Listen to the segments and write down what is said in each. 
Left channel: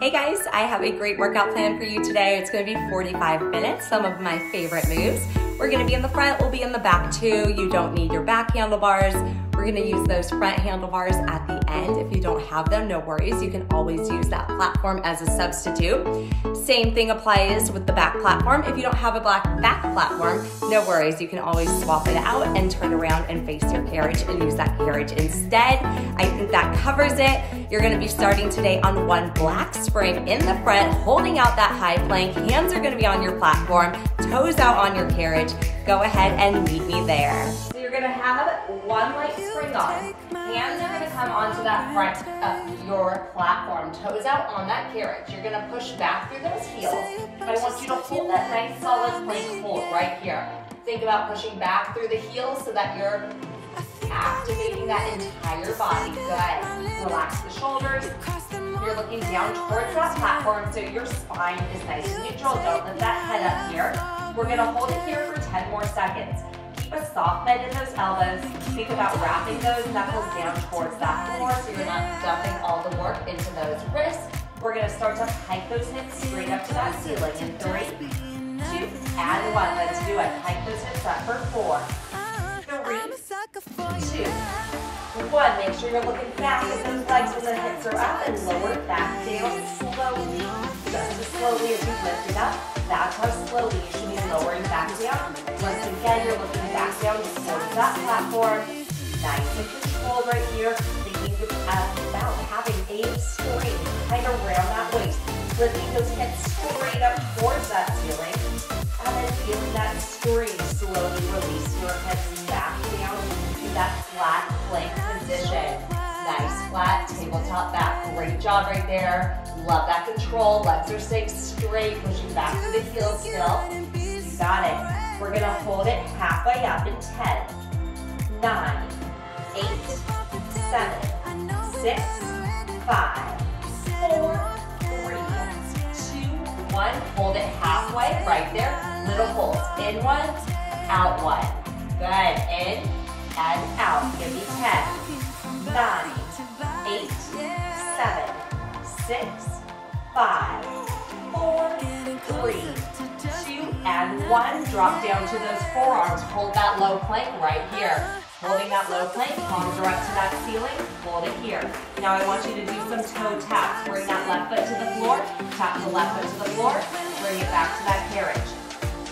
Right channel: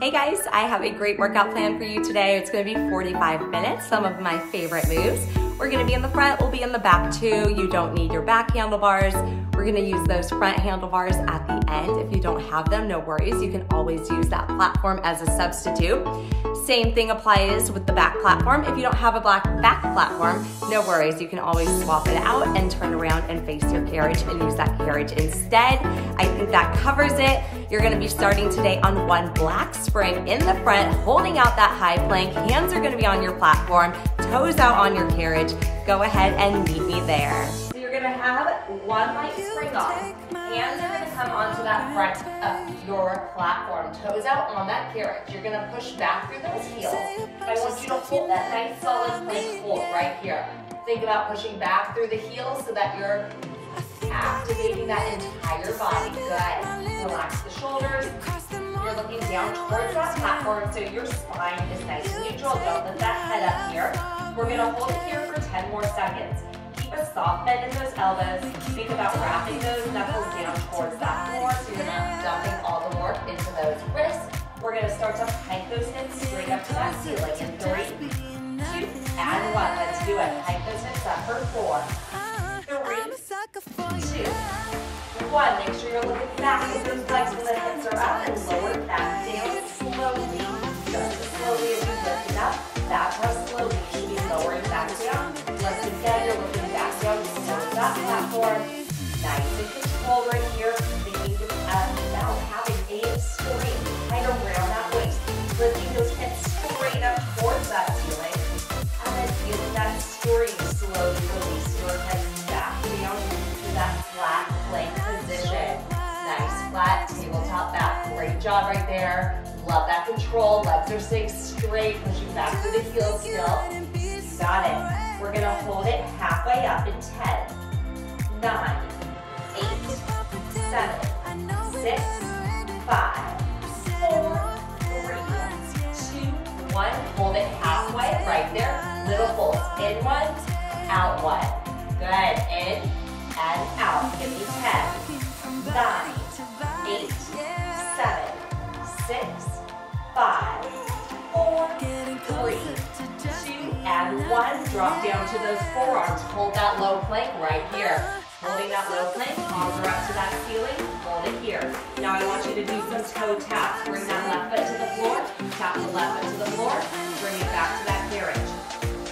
Hey guys, I have a great workout plan for you today. It's gonna be 45 minutes, some of my favorite moves. We're gonna be in the front, we'll be in the back too. You don't need your back handlebars. We're gonna use those front handlebars at the end. If you don't have them, no worries. You can always use that platform as a substitute. Same thing applies with the back platform. If you don't have a back platform, no worries. You can always swap it out and turn around and face your carriage and use that carriage instead. I think that covers it. You're gonna be starting today on one black spring in the front, holding out that high plank. Hands are gonna be on your platform, toes out on your carriage. Go ahead and meet me there. So you're gonna have one light spring on. Hands are gonna come onto that front of your platform, toes out on that carriage. You're gonna push back through those heels. I want you to hold that nice solid plank hold right here. Think about pushing back through the heels so that you're activating that entire body. Good. Relax the shoulders. You're looking down towards that platform so your spine is nice and neutral. Don't let that head up here. We're gonna hold it here for 10 more seconds. Keep a soft bend in those elbows. Think about wrapping those knuckles down towards that floor so you're not dumping all the work into those wrists. We're gonna start to hike those hips straight up to that ceiling in 3, 2, and 1. Let's do it. Hike those hips up for 4, 3, 2, 1. Make sure you're looking back at those legs when the hips are up and lower it back down slowly. Just as slowly as you lift it up. That's how slowly you should be lowering back down. Once again, you're looking back down towards that platform. Nice and controlled right here. Thinking about having a string kind of around that waist. Lifting those hips straight up towards that ceiling. And then feel that string slowly release your hips back down to that flat plank position. Nice flat tabletop back. Great job right there. Love that control. Legs are staying straight, pushing back to the heels still. You got it. We're gonna hold it halfway up in 10, 9, 8, 7, 6, 5, 4, 3, 2, 1. Hold it halfway, right there. Little holds. In 1, out 1. Good. In and out. Give me 10, 9, 8, 7, 6, 5, 4, 3, 2, and 1. Drop down to those forearms. Hold that low plank right here. Holding that low plank, palms are up to that ceiling. Hold it here. Now I want you to do some toe taps. Bring that left foot to the floor. Tap the left foot to the floor. Bring it back to that carriage.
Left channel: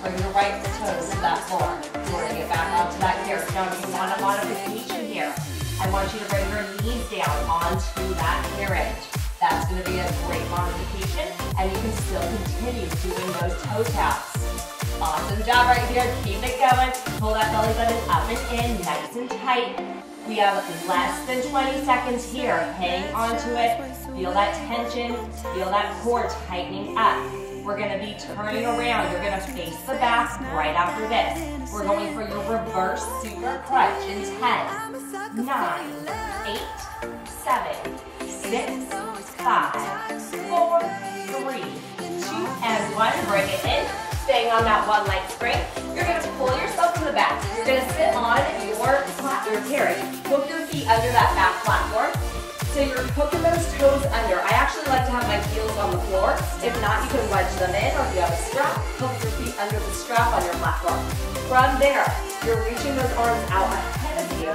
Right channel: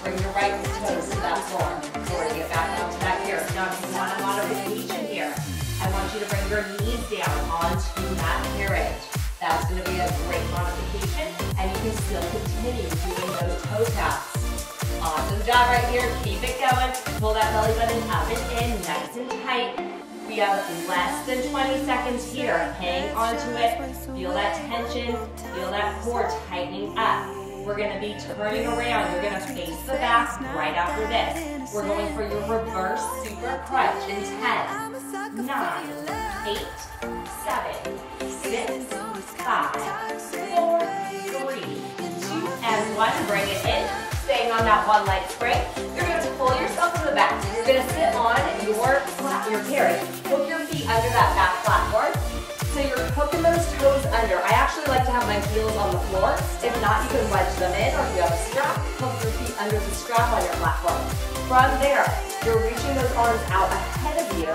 Bring your right toes to that floor. Bring it back out to that carriage. Now if you want a modification here, I want you to bring your knees down onto that carriage. That's going to be a great modification, and you can still continue doing those toe taps. Awesome job right here. Keep it going. Pull that belly button up and in, nice and tight. We have less than 20 seconds here. Hang onto it. Feel that tension. Feel that core tightening up. We're going to be turning around. You're going to face the back right after this. We're going for your reverse super crunch in 10, 9, 8, 7, 6, 5, 4, 3, 2, and 1. Bring it in. Staying on that one leg spring. You're going to pull yourself from the back. You're going to sit on your carriage. Hook your feet under that back platform. So you're hooking those toes under. I actually like to have my heels on the floor. If not, you can wedge them in, or if you have a strap, hook your feet under the strap on your platform. From there, you're reaching those arms out ahead of you,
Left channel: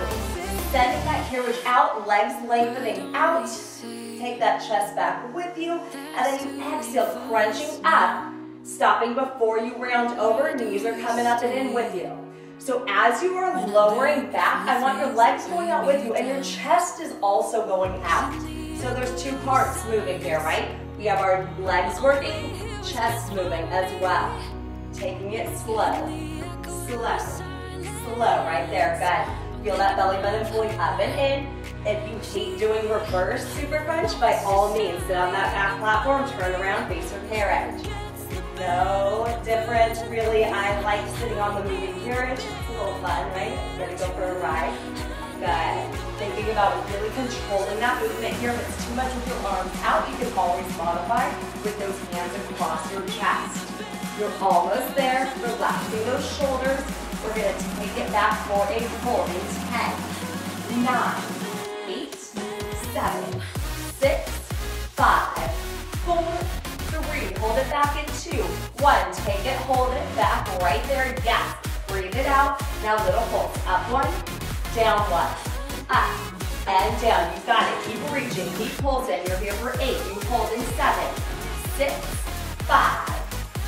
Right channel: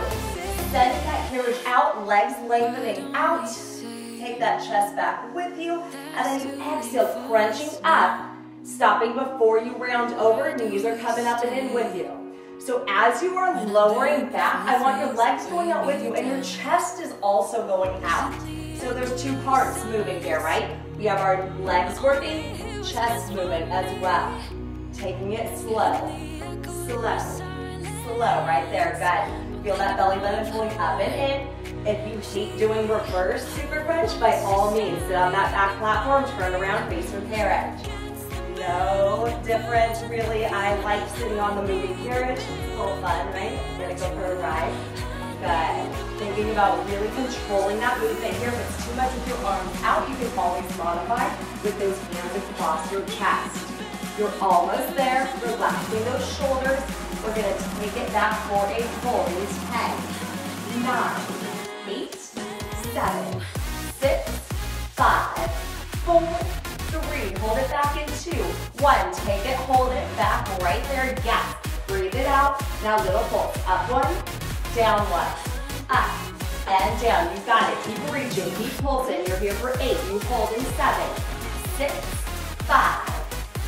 sending that carriage out, legs lengthening out. Take that chest back with you, and then you exhale, crunching up, stopping before you round over. Knees are coming up and in with you. So as you are lowering back, I want your legs going out with you, and your chest is also going out. So there's two parts moving here, right? We have our legs working, chest moving as well. Taking it slow, right there, good. Feel that belly button pulling up and in. If you keep doing reverse super crunch, by all means, sit on that back platform, turn around, face your carriage. No difference, really. I like sitting on the moving carriage. It's a little fun, right? We're gonna go for a ride. Good. Thinking about really controlling that movement here. If it's too much with your arms out, you can always modify with those hands across your chest. You're almost there. Relaxing those shoulders. We're gonna take it back for a hold in 10, 9, 8, 7, 6, 5, 4, 1, take it, hold it, back, right there, yes. Breathe it out. Now little pulse. Up 1, down 1, up and down. You got it. Keep reaching, keep pulsing. You're here for 8. You hold in 7, 6, 5,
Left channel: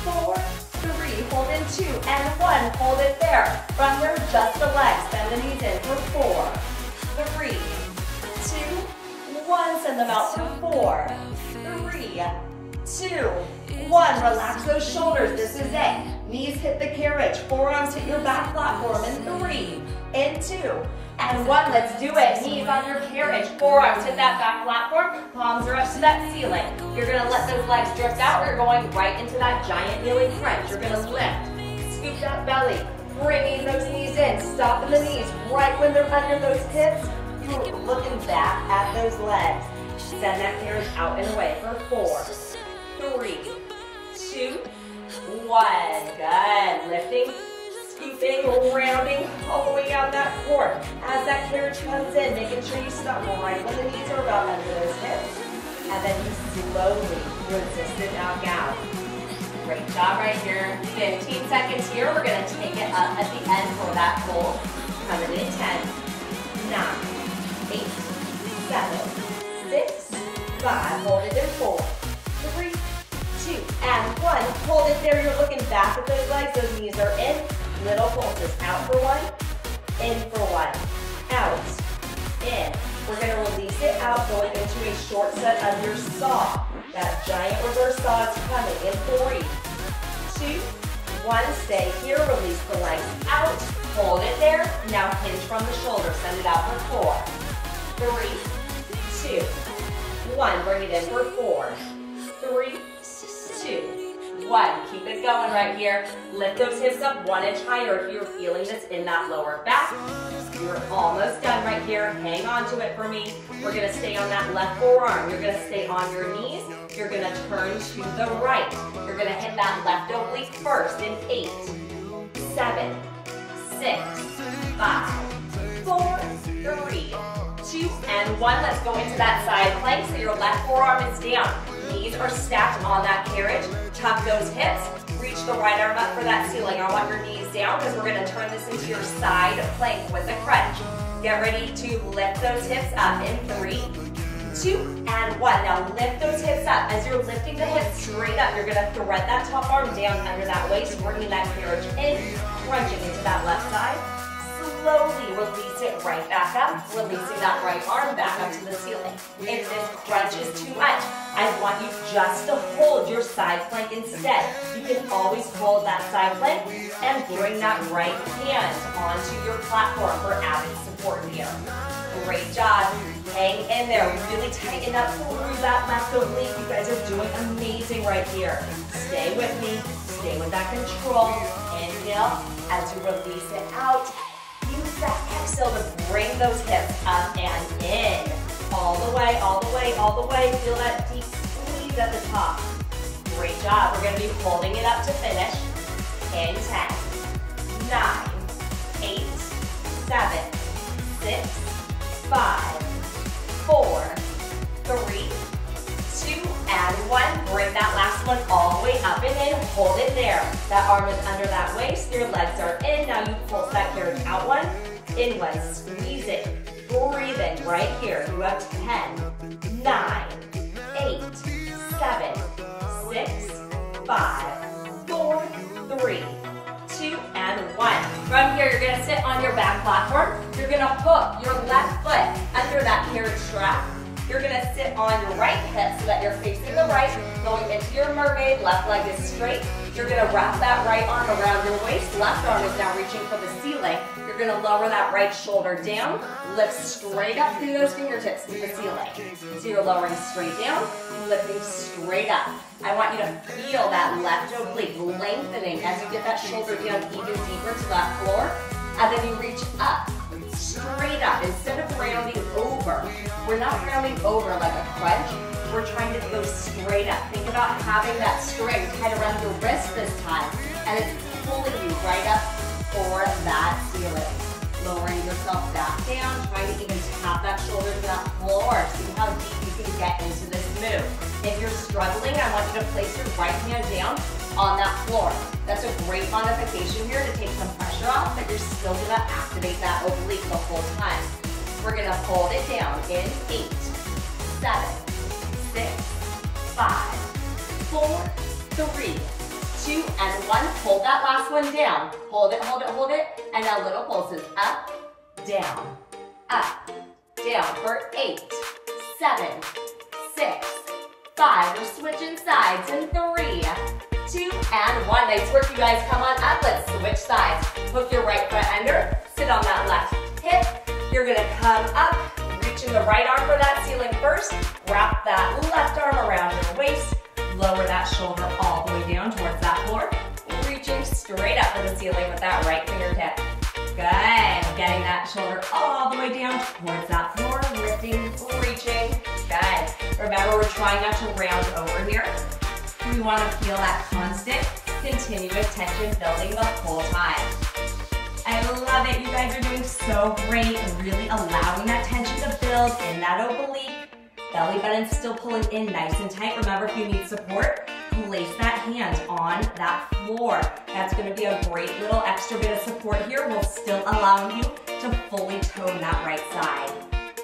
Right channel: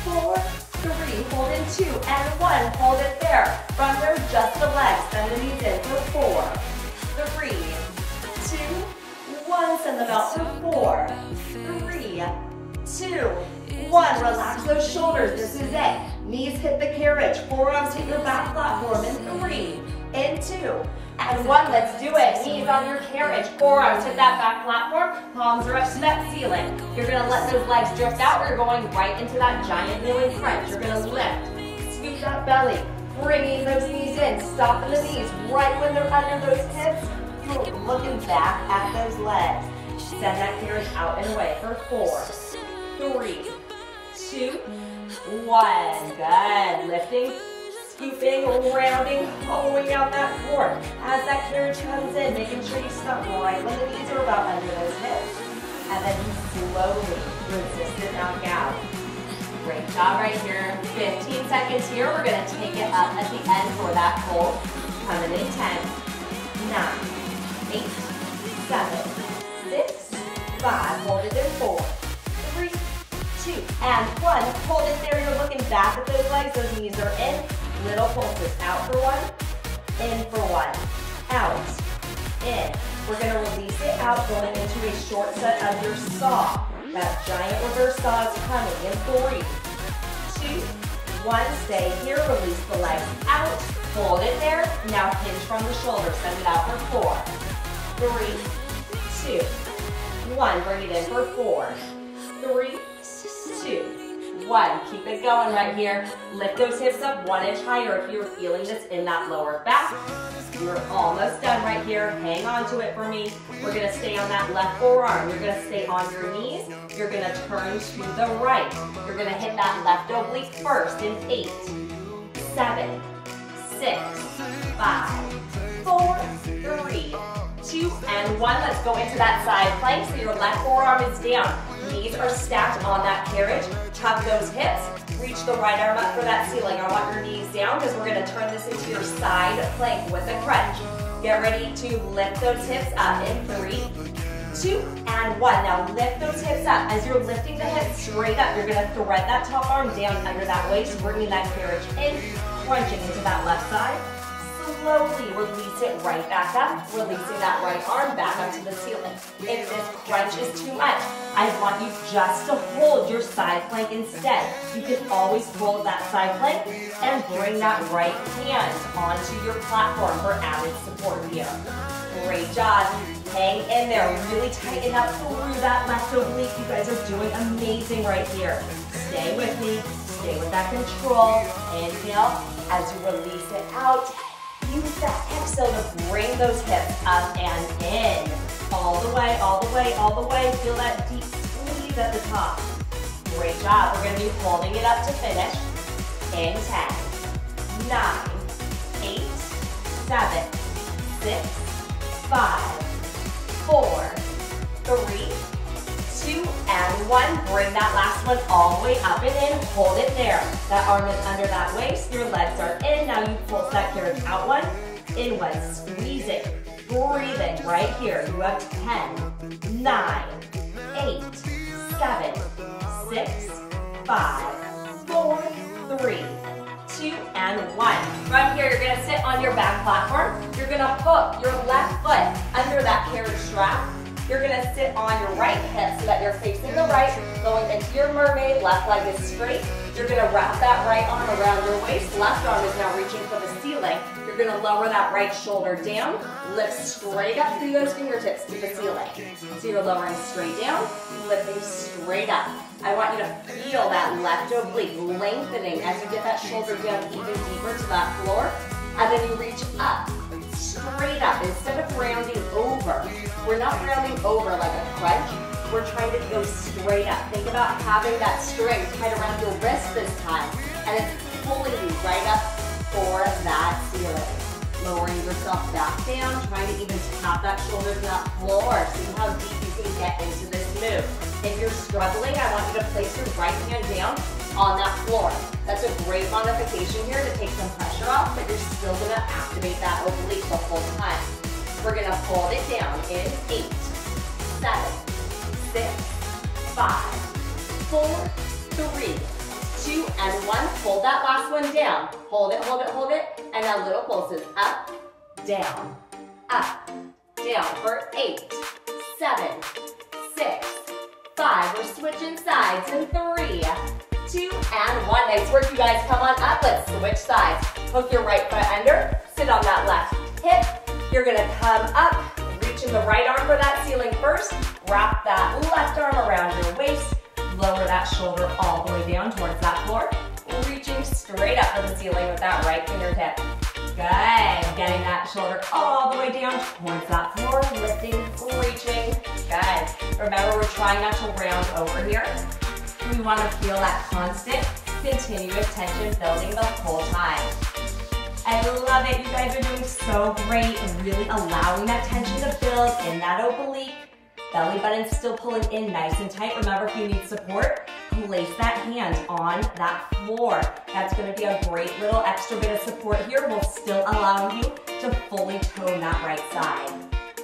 4, 3. Hold in 2 and 1. Hold it there. From there, just the legs. Bend the knees in for 4, 3, 2, 1. Send them out for 4, 3, 2, 1. Relax those shoulders. This is it. Knees hit the carriage. Forearms hit your back platform. In 3, in 2, and 1. Let's do it. Knees on your carriage. Forearms hit that back platform. Palms are up to that ceiling. You're going to let those legs drift out. You're going right into that giant kneeling crunch. You're going to lift. Scoop that belly. Bringing those knees in. Stopping the knees right when they're under those hips. Looking back at those legs. Send that carriage out and away for 4, 3, 2, 1. Good. Lifting, scooping, rounding all the way down that core. As that carriage comes in, making sure you stop right when the knees are about under those hips. And then you slowly resist it back out. Great job right here. 15 seconds here. We're going to take it up at the end for that hold. 110, 9, 8, 7, 6, 5. Hold it in 4, 3, 2, and 1. Hold it there. You're looking back at those legs. Those knees are in. Little pulses. Out for 1, in for 1. Out, in. We're going to release it out, going into a short set of your saw. That giant reverse saw is coming. In 3, 2, 1. Stay here. Release the legs out. Hold it there. Now hinge from the shoulders. Send it out for 4, 3, 2, 1. Bring it in for 4, 3, 2, 1. Keep it going right here. Lift those hips up 1 inch higher if you're feeling this in that lower back. You're almost done right here. Hang on to it for me. We're going to stay on that left forearm. You're going to stay on your knees. You're going to turn to the right. You're going to hit that left oblique first in 8, 7, 6, 5, 4, 3, 2, and 1. Let's go into that side plank. So your left forearm is down. Knees are stacked on that carriage. Tuck those hips. Reach the right arm up for that ceiling. I want your knees down because we're going to turn this into your side plank with a crunch. Get ready to lift those hips up in 3, 2, and 1. Now lift those hips up. As you're lifting the hips straight up, you're going to thread that top arm down under that waist, bringing that carriage in, crunching into that left side. Slowly release it right back up, releasing that right arm back up to the ceiling. If this crunch is too much, I want you just to hold your side plank instead. You can always hold that side plank and bring that right hand onto your platform for added support here. Great job. Hang in there. Really tighten up through that left oblique. You guys are doing amazing right here. Stay with me. Stay with that control. Inhale as you release it out. Use that exhale to bring those hips up and in. All the way, all the way, all the way. Feel that deep squeeze at the top. Great job. We're going to be holding it up to finish. In 10, 9, 8, 7, 6, 5, 4, 3, 2, and 1. Bring that last one all the way up and in. Hold it there. That arm is under that waist. Your legs are in. Now you pulse that carriage out 1. In 1. Squeeze it. Breathe in right here. You have 10, 9, 8, 7, 6, 5, 4, 3, 2, and 1. From here, you're going to sit on your back platform. You're going to hook your left foot under that carriage strap. You're going to sit on your right hip so that you're facing the right, going into your mermaid. Left leg is straight. You're going to wrap that right arm around your waist. Left arm is now reaching for the ceiling. You're going to lower that right shoulder down. Lift straight up through those fingertips to the ceiling. So you're lowering straight down, lifting straight up. I want you to feel that left oblique lengthening as you get that shoulder down even deeper to that floor. And then you reach up. Straight up, instead of rounding over. We're not rounding over like a crunch. We're trying to go straight up. Think about having that string tied around your wrist this time, and it's pulling you right up for that ceiling. Lowering yourself back down, trying to even tap that shoulder to that floor. See how deep you can get into this move. If you're struggling, I want you to place your right hand down on that floor. That's a great modification here to take some pressure off, but you're still gonna activate that oblique the whole time. We're gonna hold it down in 8, 7, 6, 5, 4, 3, 2, and 1. Hold that last one down. Hold it, hold it, hold it. And now little pulses. Up, down, for 8, 7, 6, 5. We're switching sides in 3, 2, and 1. Nice work, you guys. Come on up. Let's switch sides. Hook your right foot under. Sit on that left hip. You're going to come up, reaching the right arm for that ceiling first. Wrap that left arm around your waist. Lower that shoulder all the way down towards that floor. Reaching straight up for the ceiling with that right fingertip. Good. Getting that shoulder all the way down towards that floor. Lifting, reaching. Good. Remember, we're trying not to round over here. We want to feel that constant, continuous tension building the whole time. I love it. You guys are doing so great and really allowing that tension to build in that oblique. Belly button's still pulling in nice and tight. Remember, if you need support, place that hand on that floor. That's going to be a great little extra bit of support here while still allowing you to fully tone that right side.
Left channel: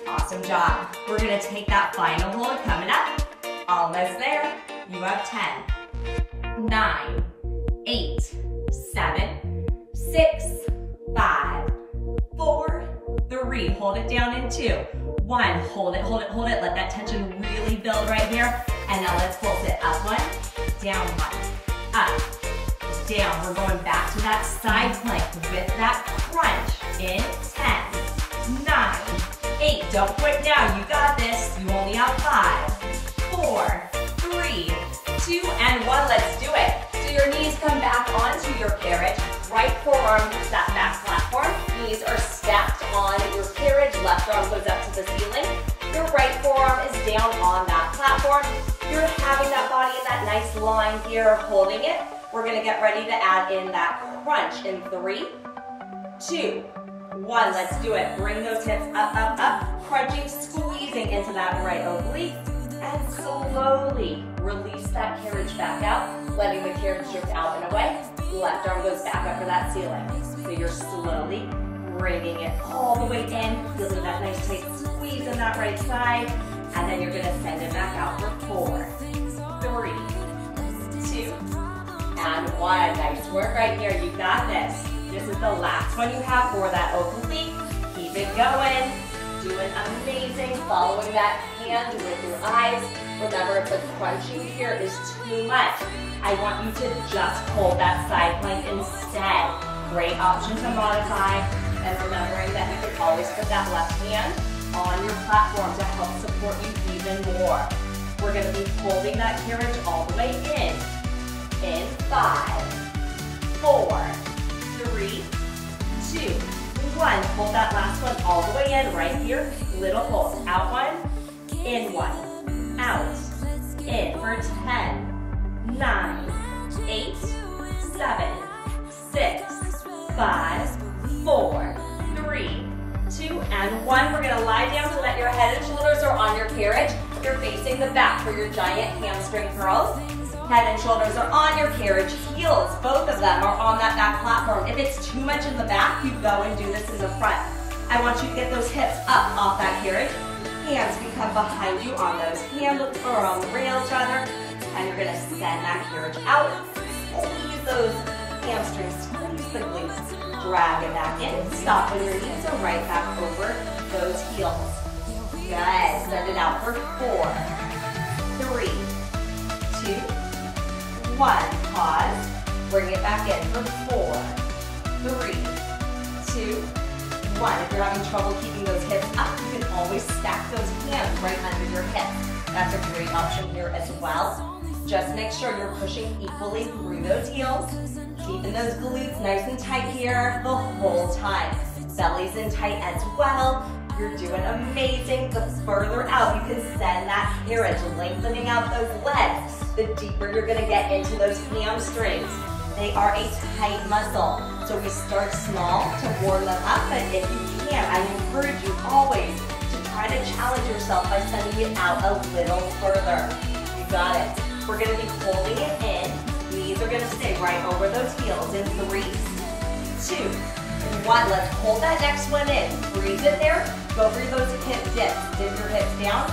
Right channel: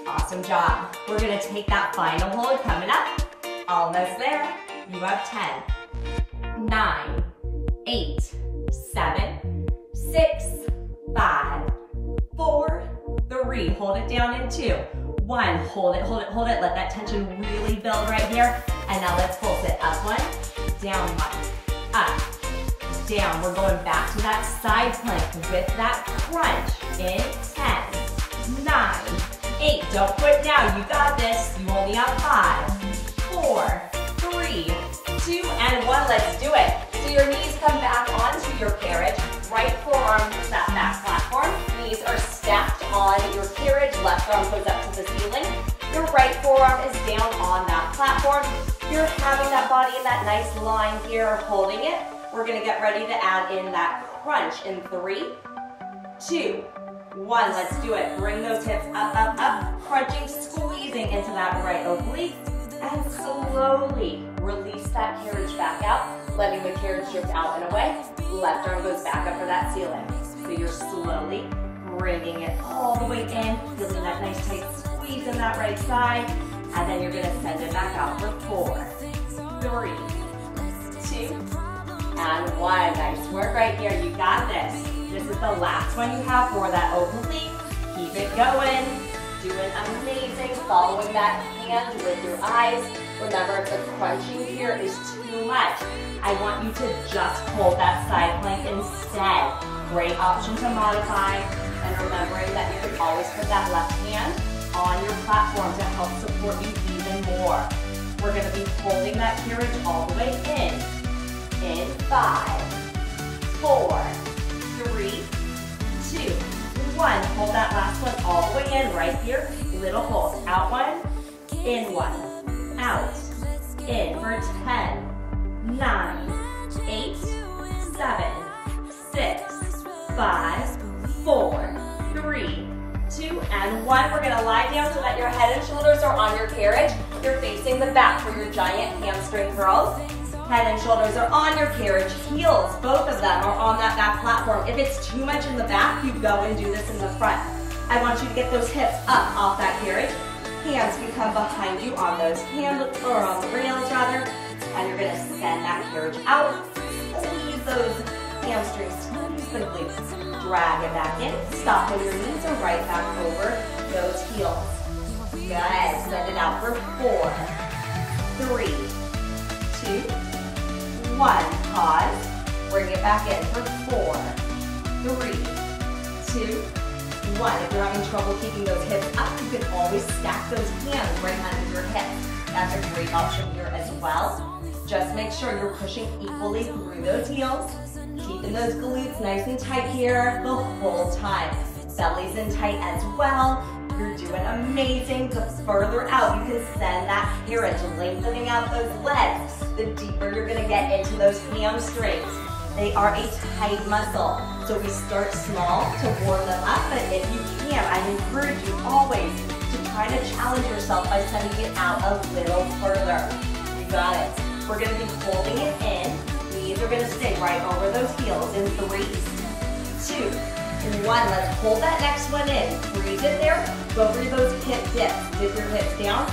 Awesome job. We're going to take that final hold coming up. Almost there. You have 10, 9, 8, 7, 6, 5, 4, 3. Hold it down in 2, 1. Hold it, hold it, hold it. Let that tension really build right here. And now let's pulse it. Up 1, down 1, up, down. We're going back to that side plank with that crunch in 10, 9, 8. Don't quit down. You got this. You only have 5, 4, 3, 2, and 1. Let's do it. So your knees come back onto your carriage. Right forearm to that back platform. Knees are stacked on your carriage. Left arm goes up to the ceiling. Your right forearm is down on that platform. You're having that body in that nice line here, holding it. We're going to get ready to add in that crunch in 3, 2, 1. Let's do it. Bring those hips up, up, up. Crunching, squeezing into that right oblique. And slowly release that carriage back out, letting the carriage drift out and away. Left arm goes back up for that ceiling. So you're slowly bringing it all the way in, feeling that nice tight squeeze in that right side. And then you're going to send it back out for 4, 3, 2, and 1. Nice work right here. You got this. This is the last one you have for that oblique. Keep it going. Doing amazing. Following that hand with your eyes. Remember, if the crunching here is too much, I want you to just hold that side plank instead. Great option to modify. And remembering that you can always put that left hand on your platform to help support you even more. We're going to be holding that carriage all the way in. In 5, 4, 3, 2, 1. Hold that last one all the way in right here. Little pulse. Out 1, in 1. Out, in for 10, 9, 8, 7, 6, 5, 4, 3, 2, and 1. We're going to lie down so that your head and shoulders are on your carriage. You're facing the back for your giant hamstring curls. Head and shoulders are on your carriage. Heels, both of them are on that back platform. If it's too much in the back, you go and do this in the front. I want you to get those hips up off that carriage. Hands can come behind you on those handles, or on the rails rather. And you're going to send that carriage out. Squeeze those hamstrings, squeeze the glutes. Drag it back in. Stop when your knees are right back over those heels. Good. Send it out for 4, 3, 2, 1. Pause. Bring it back in for 4, 3, 2, 1. If you're having trouble keeping those hips up, you can always stack those hands right under your hips. That's a great option here as well. Just make sure you're pushing equally through those heels, keeping those glutes nice and tight here the whole time. Belly's in tight as well. You're doing amazing. The further out you can send that carriage, lengthening out those legs, the deeper you're gonna get into those hamstrings. They are a tight muscle. So we start small to warm them up, but if you can, I encourage you always to try to challenge yourself by sending it out a little further. You got it. We're gonna be holding it in. Knees are gonna stay right over those heels in 3, 2, 1. Let's hold that next one in. Breathe in there. Go for those hip dips. Dip your hips down.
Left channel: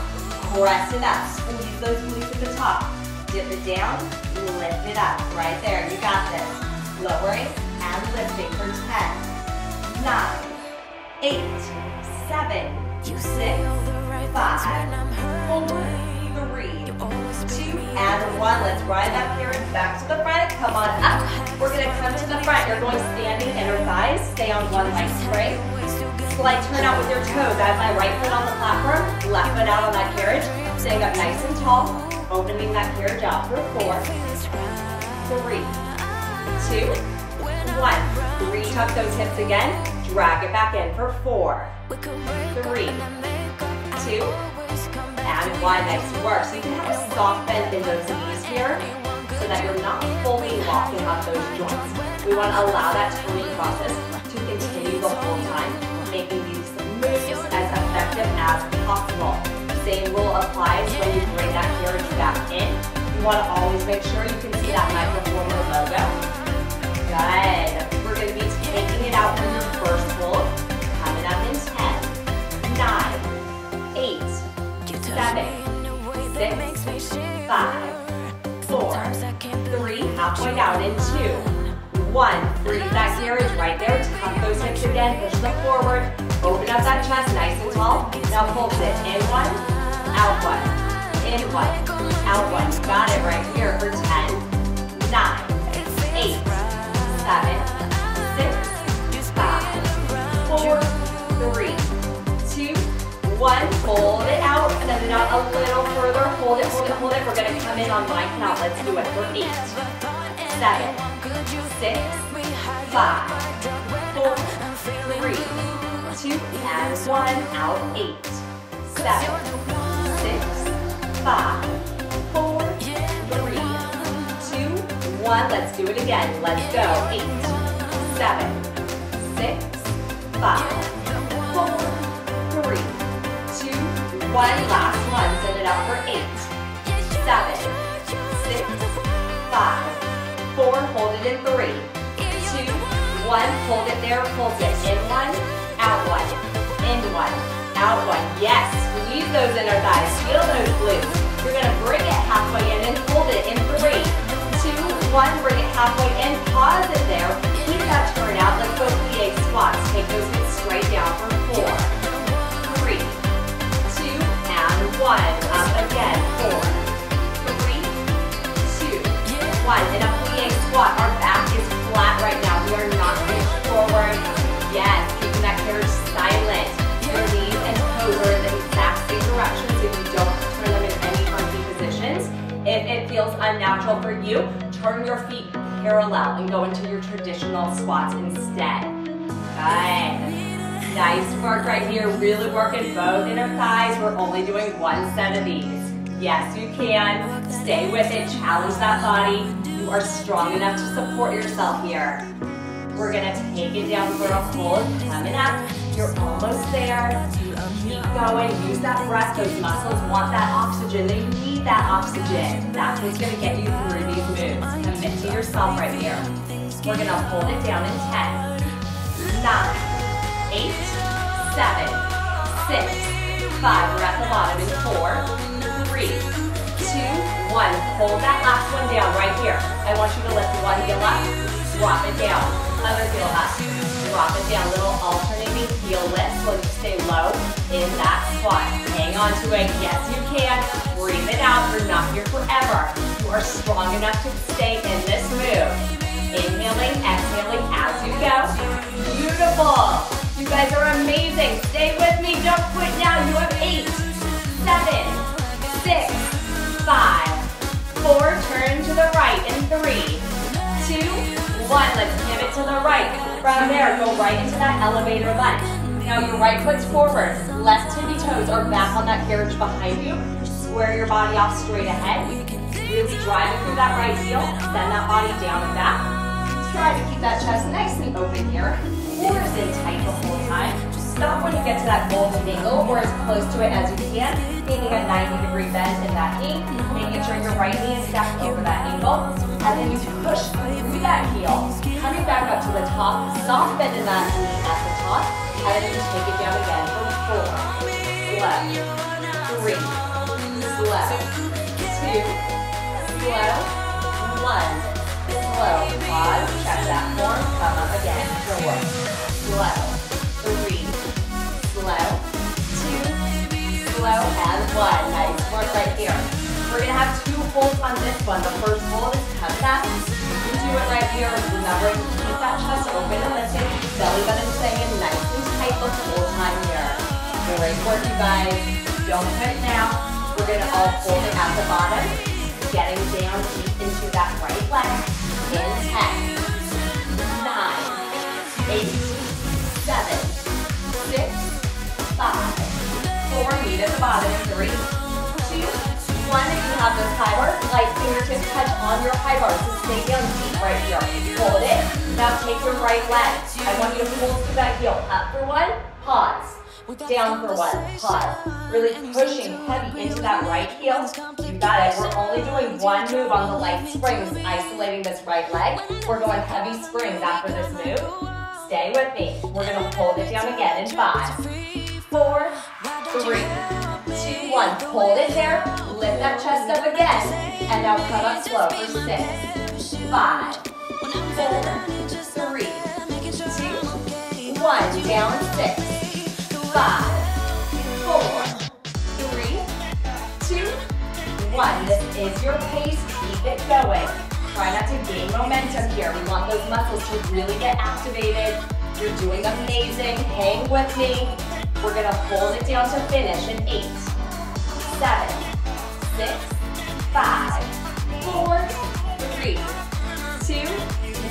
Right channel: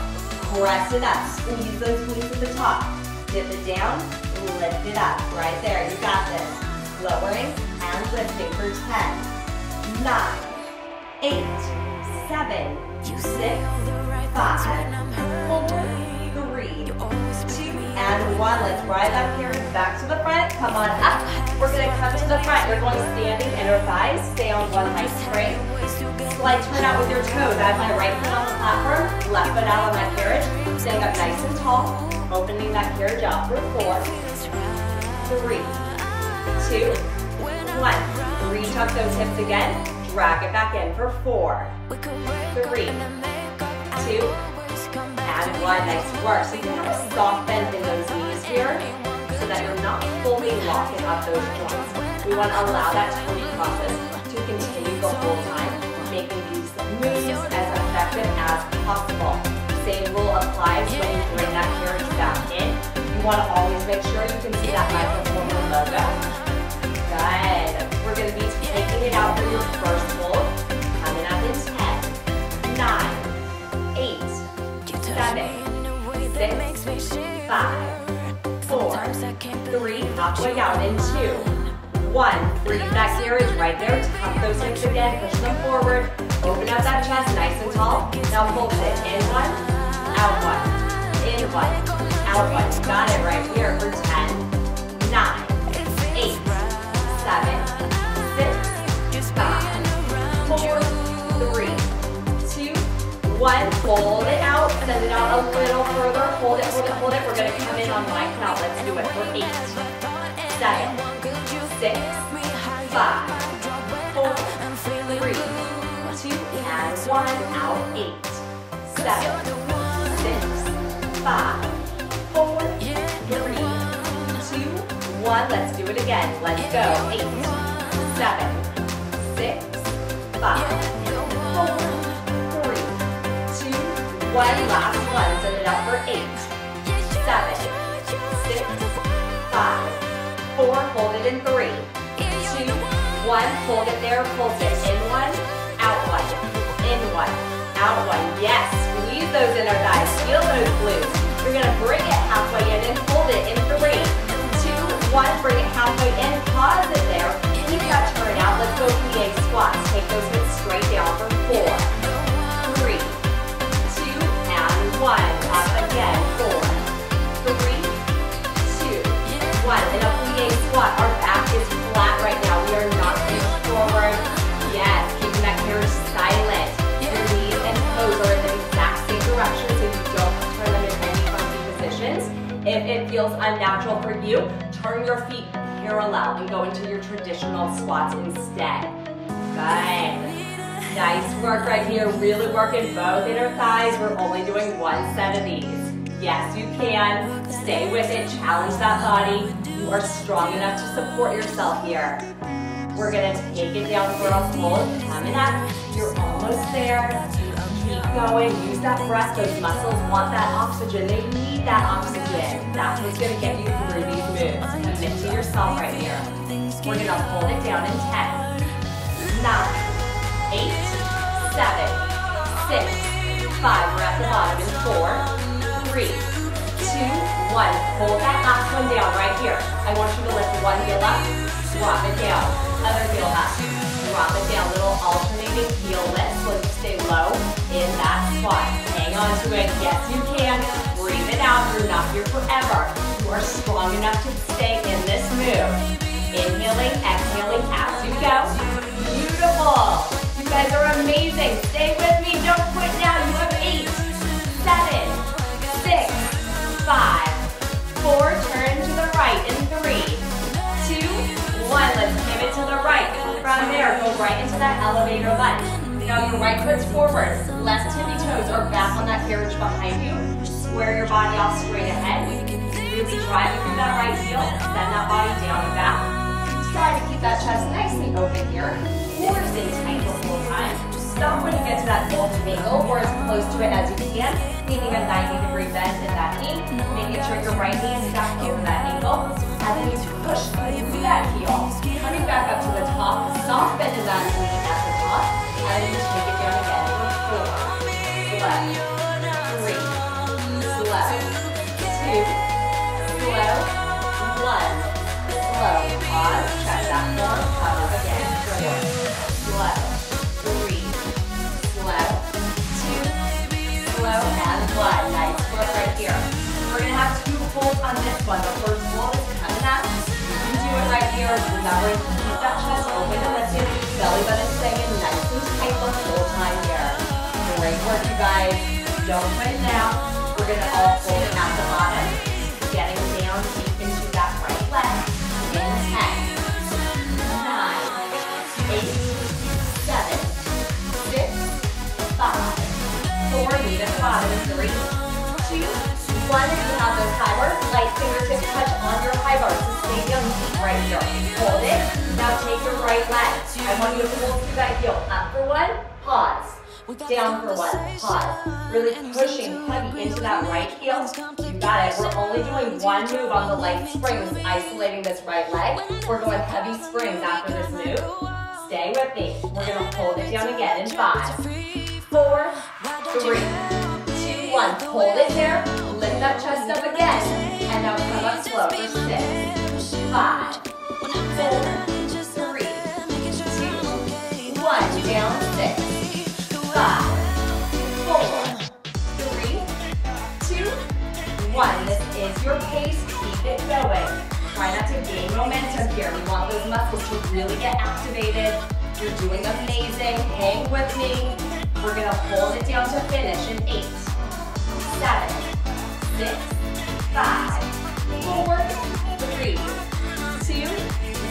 Press it up. Squeeze those glutes at the top. Dip it down. Lift it up. Right there. You got this. Lowering and lifting for 10, 9, 8, 7, 6, 5, 4, 3, 2, and 1. Let's ride that here and back to the front. Come on up. We're going to come to the front. You're going standing inner thighs. Stay on one leg straight. Slight turn out with your toes. I have my right foot on the platform, left foot out on that carriage. Staying up nice and tall. Opening that carriage out for 4, 3, 2, 1. Retuck those hips again. Drag it back in for 4, 3, 2, and 1. Nice work. So you can have a soft bend in those knees here so that you're not fully locking up those joints. We want to allow that turning process to continue the whole time, making these moves as effective as possible. Same rule applies when you bring that carriage back in. You want to always make sure you can see that Microformer logo. Good. We're going to be taking it out for your first hold. Coming up in 10, 9, 8, 7, 6, 5, 4, 3, halfway out in 2, 1. Freeze that carriage right there. Tuck those hips again. Push them forward. Open up that chest nice and tall. Now pulse it. In 1, out 1. In 1, out 1. You got it right here for 10, 9, 8, 7, 6, 5, 4, 3, 2, 1. Hold it out. Send it out a little further. Hold it, hold it, hold it. We're going to come in on my count. Let's do it for 8, 7, 6, 5, 4, 3, 2, and 1. Out 8, 7, 6, 5, 4, 3, 2, 1. Let's do it again. Let's go. 8, 7, 6, 5, 4, 3, 2, 1. Last one. Send it out for 8, 7, 6, 5, 4. Hold it in 3, 2, 1. Hold it there. Pulse it. In 1, out 1. In 1, out 1. Yes. Squeeze those inner thighs. Feel those glutes. You're going to bring it halfway in and hold it in 3, 2, 1. Bring it halfway in. Pause it there. Keep that turn out. Let's go plie squats. Take those hips straight down for 4, 3, 2, and 1. Up again. 4, 3, 2, 1. In a plie squat, our back is flat right now. We are not reaching forward. Yes. Keeping that carriage silent. Your knees and toes are in the exact same direction so you don't turn them in any funky positions. If it feels unnatural for you, turn your feet parallel and go into your traditional squats instead. Good. Nice work right here. Really working both inner thighs. We're only doing 1 set of these. Yes, you can. Stay with it. Challenge that body. You are strong enough to support yourself here. We're going to take it down for a hold. Coming up. You're almost there. Keep going. Use that breath. Those muscles want that oxygen. They need that oxygen. That's what's going to get you through these moves. Commit to yourself right here. We're going to hold it down in 10, 9, 8, 7, 6, 5. We're at the bottom in 4, 3, 2, 1. Hold that last one down right here. I want you to lift one heel up, drop it down. Other heel up, drop it down. Little alternating heel lift so you stay low in that squat. Hang on to it. Yes, you can. Breathe it out. You're not here forever. You are strong enough to stay in this move. Inhaling, exhaling as you go. Beautiful. You guys are amazing. Stay with me. Don't quit now. You have 8, 7, 6, 5, 4. Turn to the right in 3, 2, 1. Let's pivot to the right. From there, go right into that elevator lunge. Now your right foot's forward. Left tippy toes are back on that carriage behind you. Square your body off straight ahead. Really driving through that right heel. Send that body down and back. Try to keep that chest nice and open here. Hold it in tight the whole time. Stop when you get to that golden angle or as close to it as you can. Taking a 90-degree bend in that knee. Making sure you're slow, 2, slow, 1, slow, pause, check that form, come up again, 4, slow, 3, slow, 2, slow, and 1, nice work right here. We're going to have 2 holds on this one. The first hold is contact. You do it right here. Remember to keep that chest open and lifted. Belly button staying nice and tight the whole time here. Great work, you guys. Don't put it down. We're going to all hold it at the bottom. Getting down deep into that right leg. In 10, 9, 8, 7, 6, 5, 4, lead at the bottom. 3, 2, 1, if you have those high bars, light fingertips touch on your high bars. So stay down deep right here. Hold it. Now take your right leg. I want you to hold through that heel. Up for 1, pause. Down for 1, pause. Really pushing heavy into that right heel. You got it. We're only doing 1 move on the light springs, isolating this right leg. We're going heavy springs after this move. Stay with me. We're going to hold it down again in 5, 4, 3, 2, 1. Hold it there. Lift that chest up again. And now come up slow for 6, 5, 4, 3, 2, 1. Down 6, 5, 4, 3, 2, 1. This is your pace. Keep it going. Try not to gain momentum here. We want those muscles to really get activated. You're doing amazing. Hang with me. We're going to hold it down to finish in 8, 7, 6, 5, 4, 3, 2,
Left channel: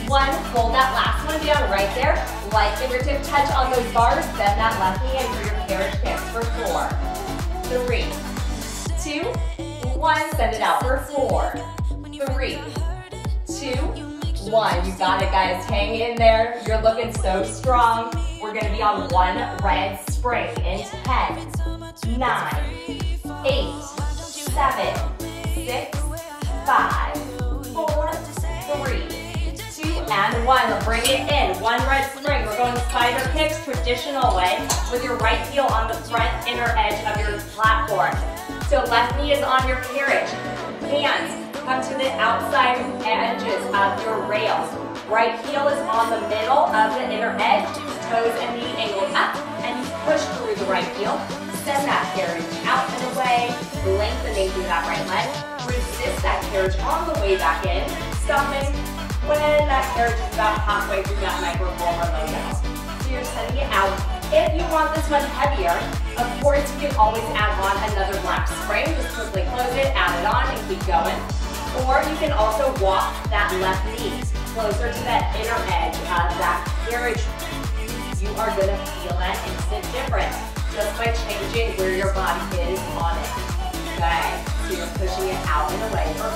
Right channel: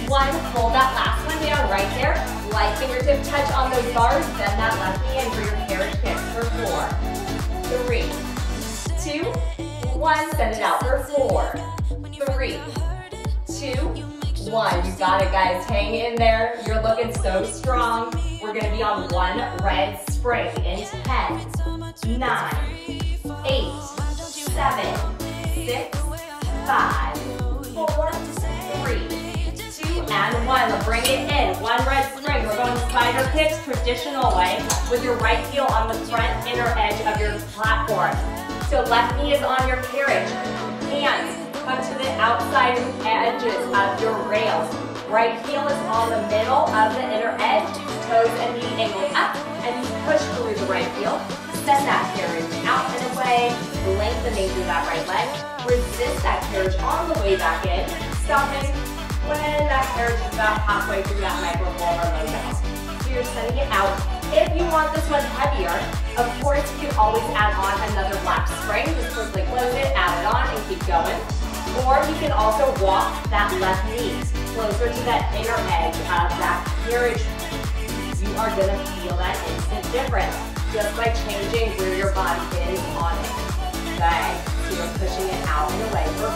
1. Hold that last one down right there. Light fingertip touch on those bars. Bend that left knee and bring your carriage pants for 4, 3, 2, 1. Send it out for 4, 3, 2, 1. You got it, guys. Hang in there. You're looking so strong. We're going to be on 1 red spring in 10, 9, 8, 7, 6, 5, 4, 3, 2, and 1. Bring it in. 1 red spring. We're going spider kicks, traditional way, with your right heel on the front inner edge of your platform. So left knee is on your carriage. Hands come to the outside edges of your rails. Right heel is on the middle of the inner edge. Toes and knee angled up, and you push through the right heel. Send that carriage out and away, lengthening through that right leg. Resist that carriage on the way back in, stopping when that carriage is about halfway through that microformer low down. So you're sending it out. If you want this one heavier, of course you can always add on another black spring. Just quickly close it, add it on, and keep going. Or you can also walk that left knee closer to that inner edge of that carriage. You are going to feel that instant difference just by changing where your body is on it. Okay, so you're pushing it out and away for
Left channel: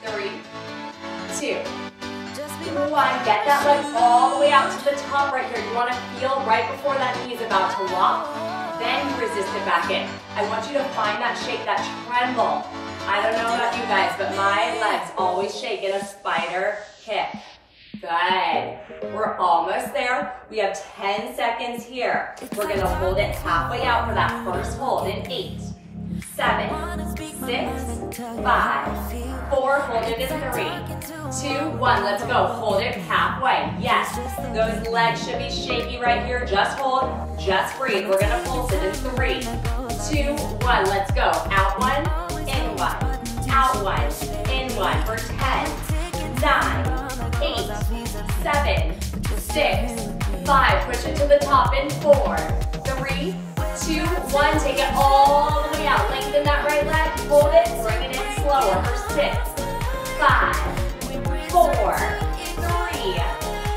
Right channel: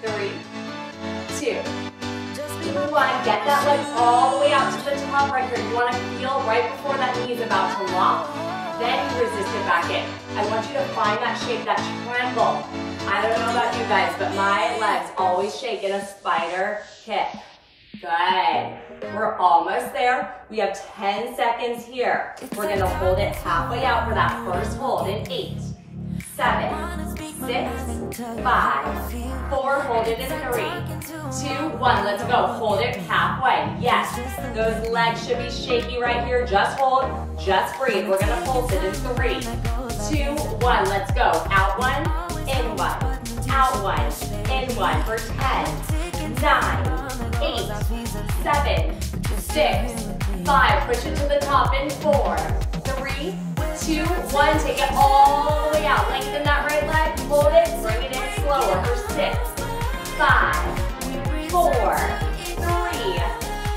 4, 3, 2, 1. Get that leg all the way out to the top right here. You want to feel right before that knee is about to lock. Then you resist it back in. I want you to find that shake, that tremble. I don't know about you guys, but my legs always shake in a spider kick. Good. We're almost there. We have 10 seconds here. We're going to hold it halfway out for that first hold in 8, 7, 6, 5, 4. Hold it in 3, 2, 1. Let's go. Hold it halfway. Yes. Those legs should be shaky right here. Just hold. Just breathe. We're going to pulse it in 3, 2, 1. Let's go. Out 1, in 1. Out 1, in 1 for 10, 9, 8, 7, 6, 5. Push it to the top in 4, 3, 2, 1. Take it all the way out. Lengthen that right leg. Hold it. Bring it in slower for 6, 5, 4, 3,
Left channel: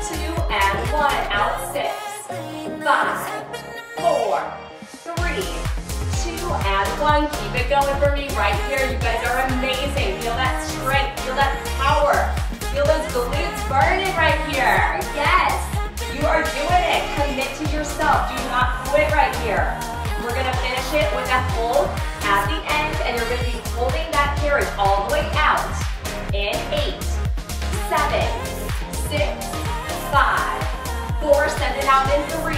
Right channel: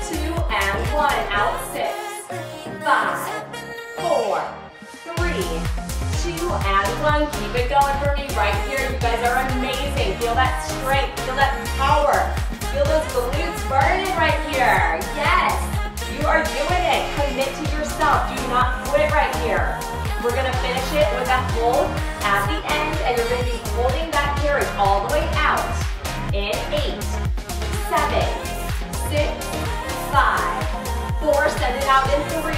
2, and 1. Out 6, 5, 4, 3, 2, and 1. Keep it going for me right here. You guys are amazing. Feel that strength. Feel that power. Feel those glutes burning right here. Yes, you are doing it. Commit to yourself. Do not quit right here. We're going to finish it with a hold at the end, and you're going to be holding that carriage all the way out in 8, 7, 6, 5, 4. Send it out in 3,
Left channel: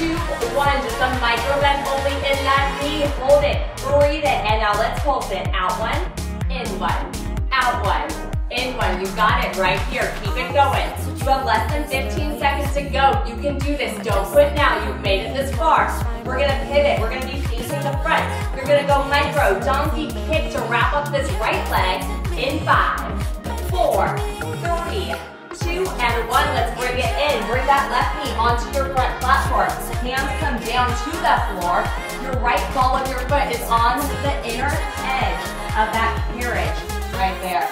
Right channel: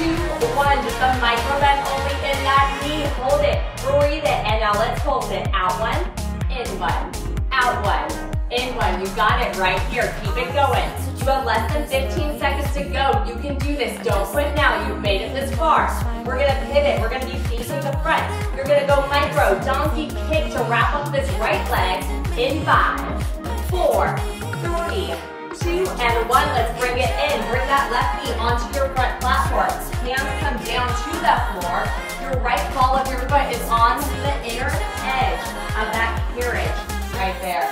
2, 1. Just a micro bend only in that knee. Hold it. Breathe it. Now let's pulse it. Out one, in one, out one, in one. You got it right here. Keep it going. You have less than 15 seconds to go. You can do this. Don't quit now. You've made it this far. We're going to pivot. We're going to be facing the front. You're going to go micro, donkey kick to wrap up this right leg in 5, 4, 3, 2, and 1. Let's bring it in. Bring that left knee onto your front platform. Hands come down to the floor. Your right ball of your foot is on the inner edge of that carriage right there.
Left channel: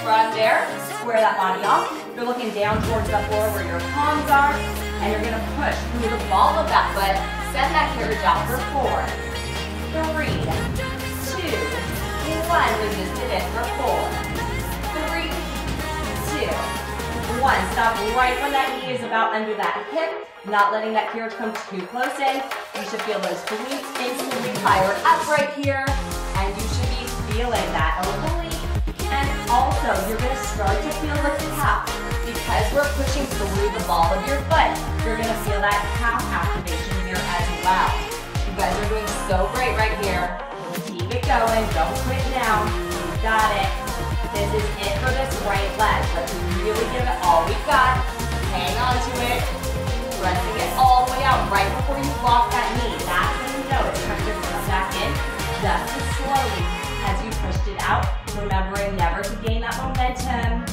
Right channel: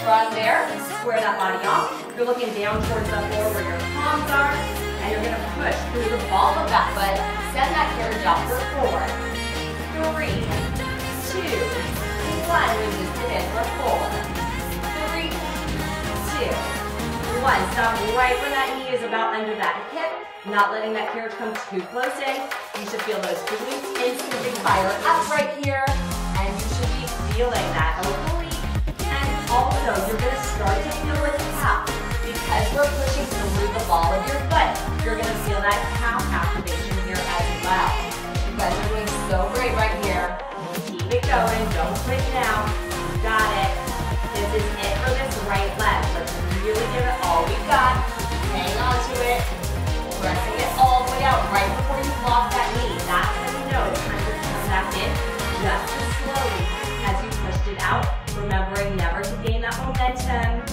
From there, square that body off. You're looking down towards the floor where your palms are, and you're going to push through the ball of that foot. Send that carriage out for 4, 3, 2, 1. Resist it in for 4, 3, 2, 1. Stop right when that knee is about under that hip, not letting that carriage come too close in. You should feel those glutes instantly fire up right here, and you should be feeling that oblique. And also, you're going to start to feel the calf. Because we're pushing through the ball of your foot, you're going to feel that calf activation here as well. You guys are doing so great right here. Keep it going. Don't quit now. You got it. This is it for this right leg. Let's really give it all we got. Hang on to it. Pressing it all the way out right before you lock that knee. That's when you know it's time to come back in just as slowly as you pushed it out. Remembering never to gain that momentum.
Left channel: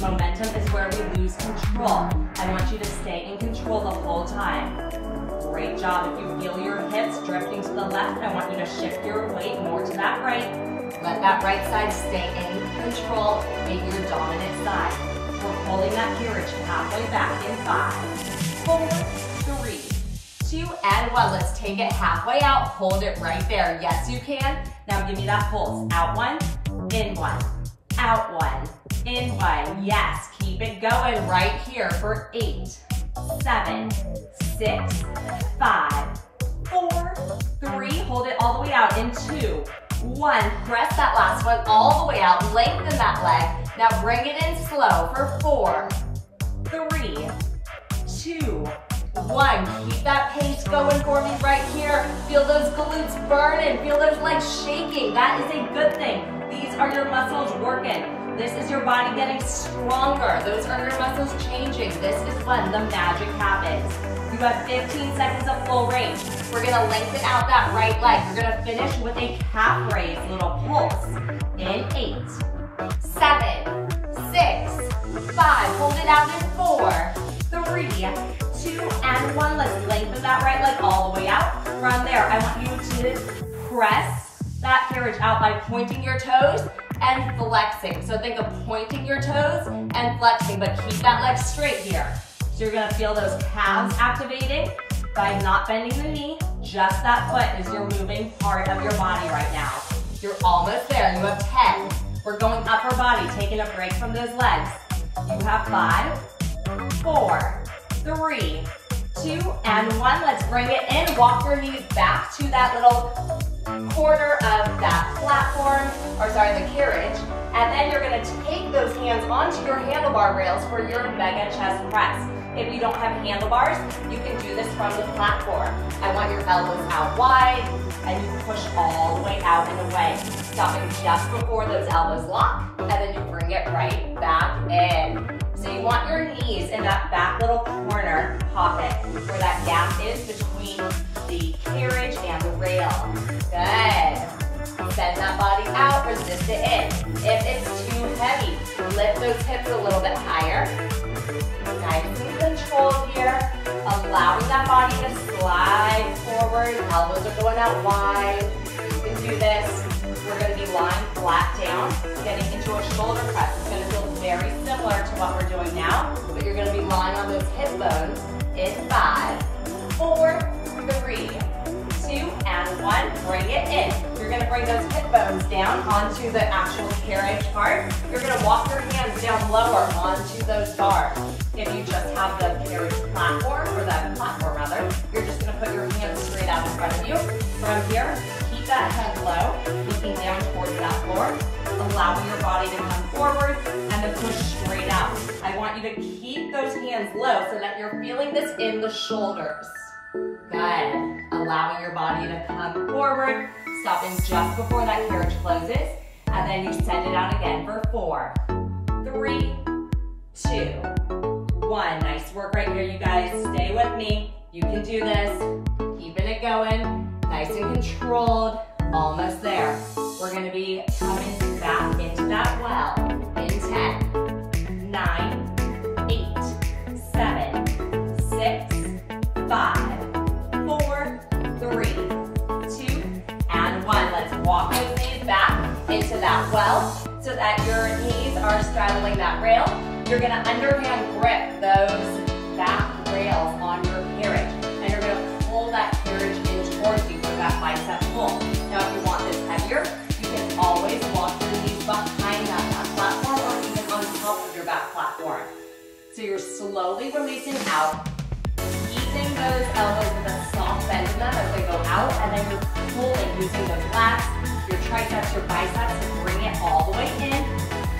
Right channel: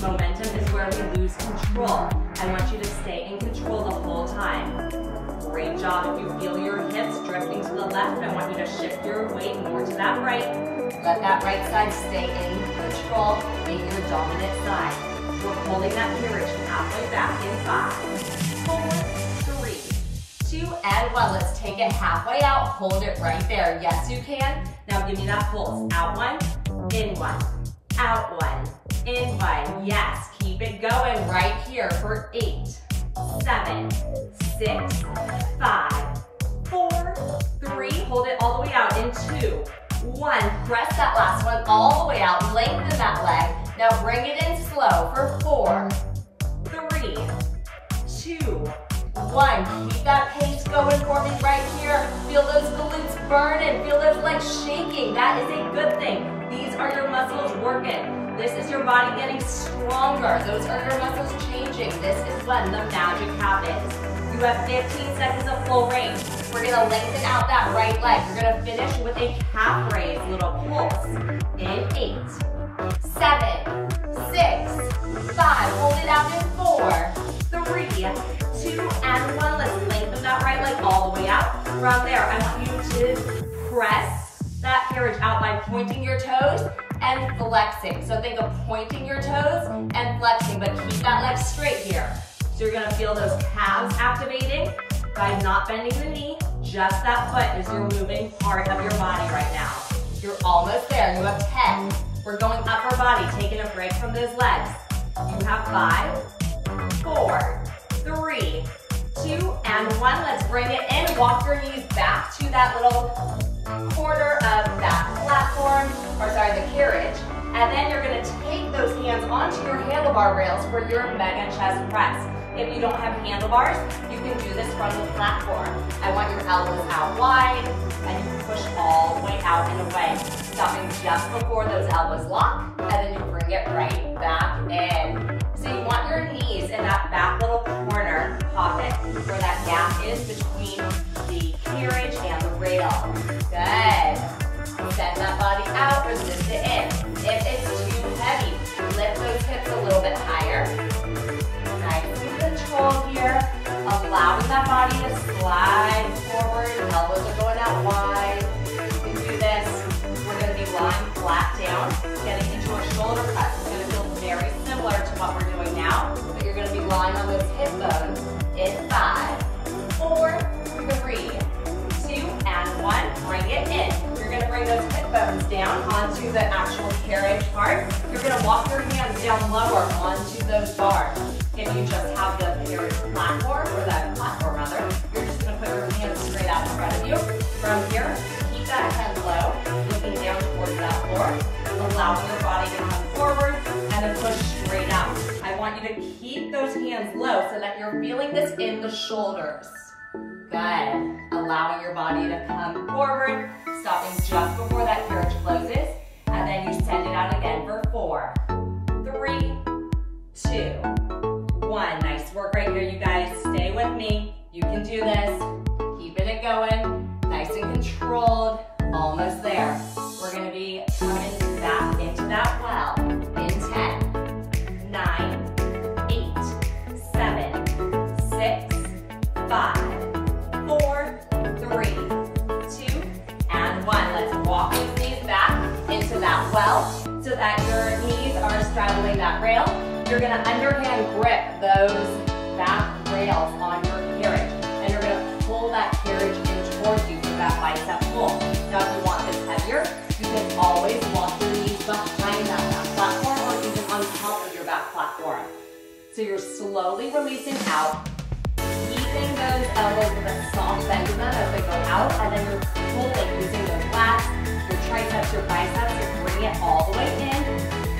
Momentum is where we lose control. I want you to stay in control the whole time. Great job. If you feel your hips drifting to the left, I want you to shift your weight more to that right. Let that right side stay in control in your dominant side. We're holding that carriage halfway back in 5, 4, 3, 2, and 1. Let's take it halfway out. Hold it right there. Yes, you can. Now give me that pulse. Out one, in one, out one, in one. Yes, keep it going right here for 8, 7, 6, 5, 4, 3. Hold it all the way out in 2, 1. Press that last one all the way out. Lengthen that leg. Now bring it in slow for 4, 3, 2, 1. Keep that pace going for me right here. Feel those glutes burn and feel those legs shaking. That is a good thing. These are your muscles working. This is your body getting stronger. Those are your muscles changing. This is when the magic happens. You have 15 seconds of full range. We're gonna lengthen out that right leg. You're gonna finish with a calf raise, little pulse. In 8, 7, 6, 5. Hold it out in 4, 3, 2, and 1. Let's lengthen that right leg all the way out. From there, I want you to press that carriage out by pointing your toes and flexing. So think of pointing your toes and flexing, but keep that leg straight here. So you're gonna feel those calves activating by not bending the knee. Just that foot is your moving part of your body right now. You're almost there. You have 10. We're going upper body, taking a break from those legs. You have 5, 4, 3, 2, and 1. Let's bring it in. Walk your knees back to that little corner of that platform, or sorry, the carriage. And then you're gonna take those hands onto your handlebar rails for your mega chest press. If you don't have handlebars, you can do this from the platform. I want your elbows out wide, and you push all the way out and away. Stopping just before those elbows lock, and then you bring it right back in. So you want your knees in that back little corner pocket, where that gap is between the carriage and the rail. Good. Send that body out, resist it in. If it's too heavy, lift those hips a little bit higher. Nice and controlled here. Allowing that body to slide forward. Elbows are going out wide. You can do this. We're going to be lying flat down, getting into a shoulder press. It's going to feel very similar to what we're doing now, but you're going to be lying on those hip bones in 5, 4, 3, 2, and 1. Bring it in. You're going to bring those hip bones down onto the actual carriage part. You're going to walk your hands down lower onto those bars. If you just have the carriage platform, or that platform rather, you're just going to put your hands straight out in front of you. From here, keep that head low, looking down towards that floor, allowing your body to come forward, and then push straight out. I want you to keep those hands low so that you're feeling this in the shoulders. Good. Allowing your body to come forward, stopping just before that carriage and you send it out again for 4, 3, 2, 1. Nice work right here, you guys. Stay with me. You can do this. Keeping it going. Nice and controlled. Almost there. We're going to be coming back into that well in 10, 9, 8, 7, 6, 5, 4, 3, 2, and 1. Let's walk those knees back into that well so that your knees are straddling that rail. You're going to underhand grip those back rails on your carriage, and you're going to pull that carriage in towards you for that bicep pull. Now, if you want this heavier, you can always walk your knees behind that back platform or even on top of your back platform. So you're slowly releasing out, keeping those elbows with a soft bend in them as they go out, and then you're pulling using those lats, your triceps, your biceps to bring it all the way in,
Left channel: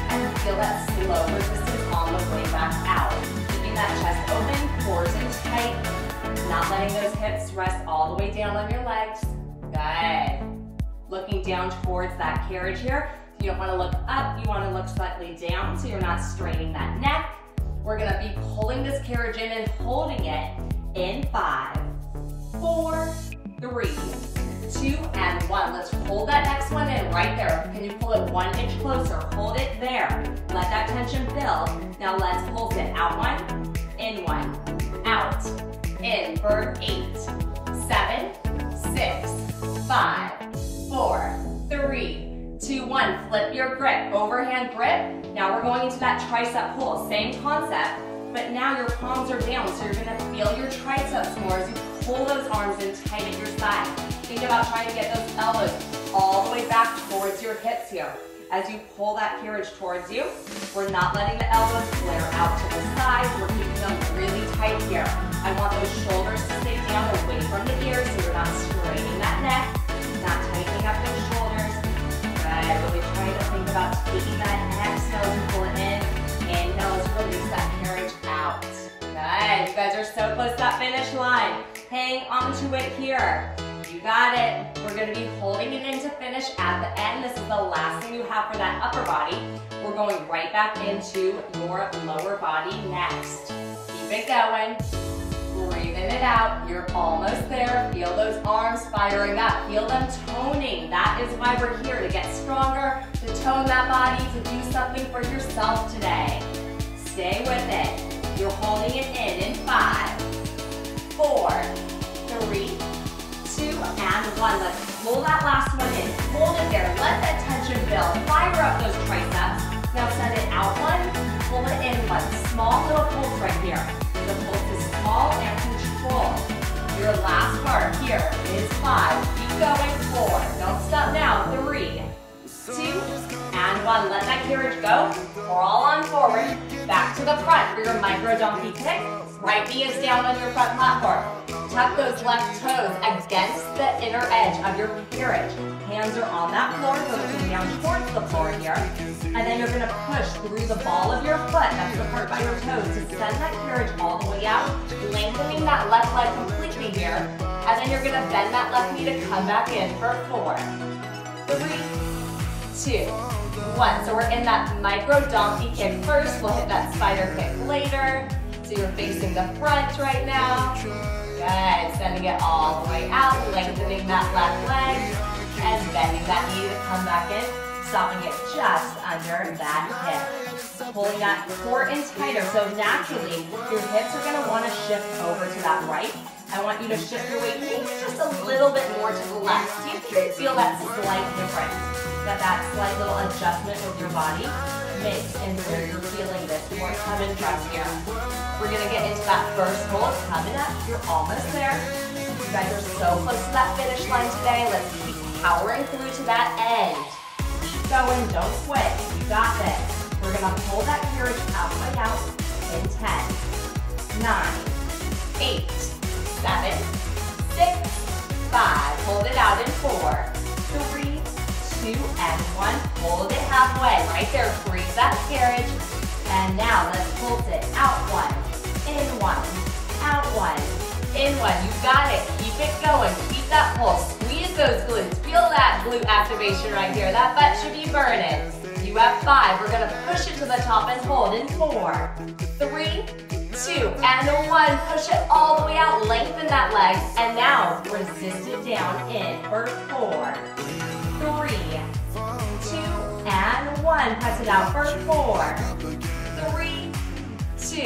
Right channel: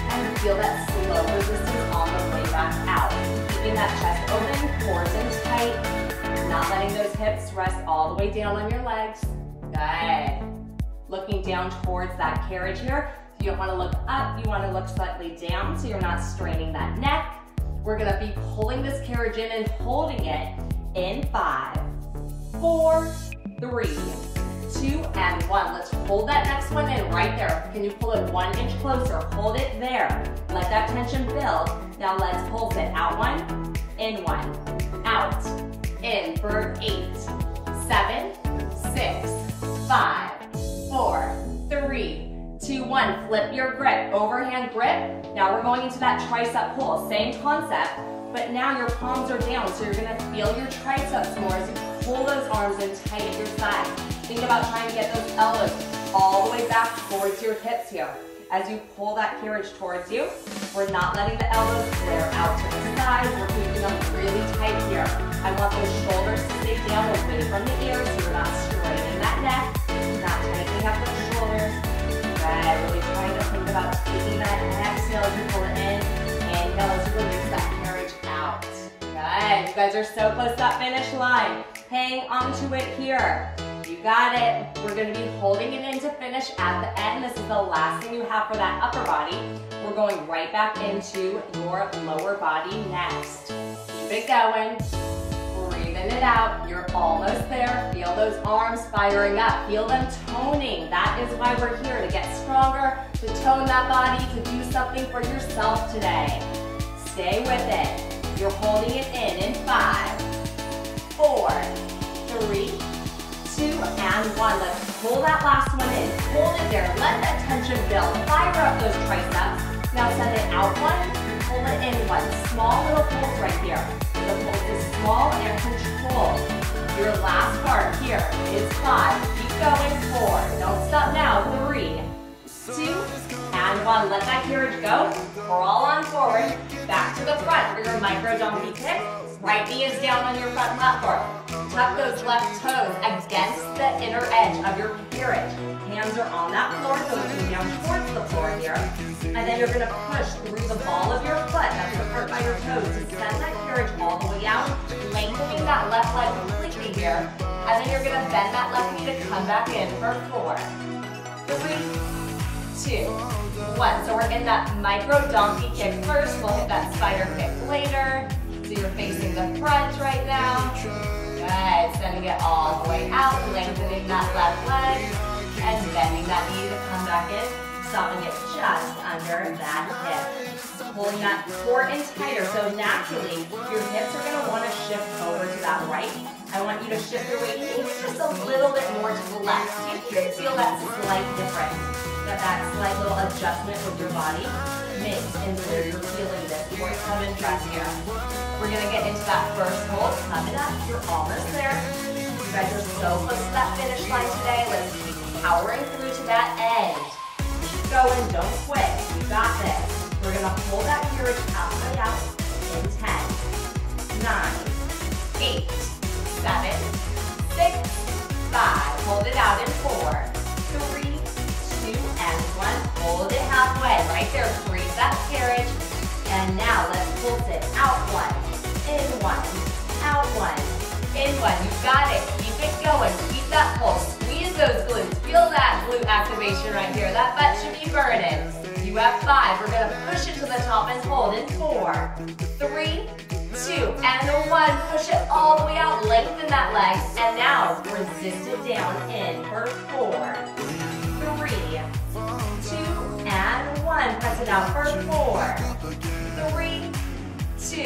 and feel that slow resistance on the way back out. Keeping that chest open, cores in tight, not letting those hips rest all the way down on your legs. Good. Looking down towards that carriage here. You don't want to look up, you want to look slightly down so you're not straining that neck. We're going to be pulling this carriage in and holding it in 5, 4, 3, 2, and 1. Let's hold that next one in right there. Can you pull it 1 inch closer? Hold it there. Let that tension build. Now let's pulse it. Out 1, in 1, out, in for 8, 7, 6, 5, 4, 3, 2, 1. Flip your grip, overhand grip. Now we're going into that tricep pull. Same concept, but now your palms are down, so you're gonna feel your triceps more as you pull those arms in tight at your side. Think about trying to get those elbows all the way back towards your hips here. As you pull that carriage towards you, we're not letting the elbows flare out to the side. We're keeping them really tight here. I want those shoulders to stay down away from the ears so you're not straining that neck, not tightening up the shoulders. Good. Really trying to think about taking that exhale as you pull it in. Inhale as you release that carriage out. Good. You guys are so close to that finish line. Hang on to it here. You got it. We're going to be holding it in to finish at the end. This is the last thing you have for that upper body. We're going right back into your lower body next. Keep it going. Breathing it out. You're almost there. Feel those arms firing up. Feel them toning. That is why we're here, to get stronger, to tone that body, to do something for yourself today. Stay with it. You're holding it in 5, 4, 3, 2, and 1. Let's pull that last one in. Hold it there. Let that tension build. Fire up those triceps. Now send it out 1. Pull it in 1. Small little pulse right here. The pulse is small and controlled. Your last part here is 5. Keep going. 4. Don't stop now. 3, 2, and 1. Let that carriage go. Crawl on forward. Back to the front for your micro donkey kick. Right knee is down on your front platform. Tuck those left toes against the inner edge of your carriage. Hands are on that floor, so looking down towards the floor here. And then you're going to push through the ball of your foot, that's the part by your toes, to send that carriage all the way out, lengthening that left leg completely here. And then you're going to bend that left knee to come back in for 4, 3, 2, 1. So we're in that micro donkey kick first. We'll hit that spider kick later. So you're facing the front right now. Good. Sending it all the way out, lengthening that left leg, and bending that knee to come back in, stopping it just under that hip. Pulling that core in tighter. So naturally, your hips are going to want to shift over to that right. I want you to shift your weight maybe just a little bit more to the left. You can feel that slight difference, that slight little adjustment with your body makes in where you're feeling this more coming from here. We're going to get into that first hold. Coming up, you're almost there. You guys are so close to that finish line today. Let's keep powering through to that end. Keep going, don't quit. You got this. We're going to hold that carriage halfway out in 10, 9, 8, 7, 6, 5. Hold it out in 4, 3, 2, and 1. Hold it halfway. Right there. Breathe that carriage. And now let's pulse it. Out 1, in 1, out 1, in 1. You got it. Keep it going. Keep that pulse. Squeeze Engage those glutes. Feel that glute activation right here. That butt should be burning. You have 5. We're going to push it to the top and hold in 4, 3, 2, and 1. Push it all the way out. Lengthen that leg. And now resist it down in for 4, 3, 2, and 1. Press it out for 4, 3, 2,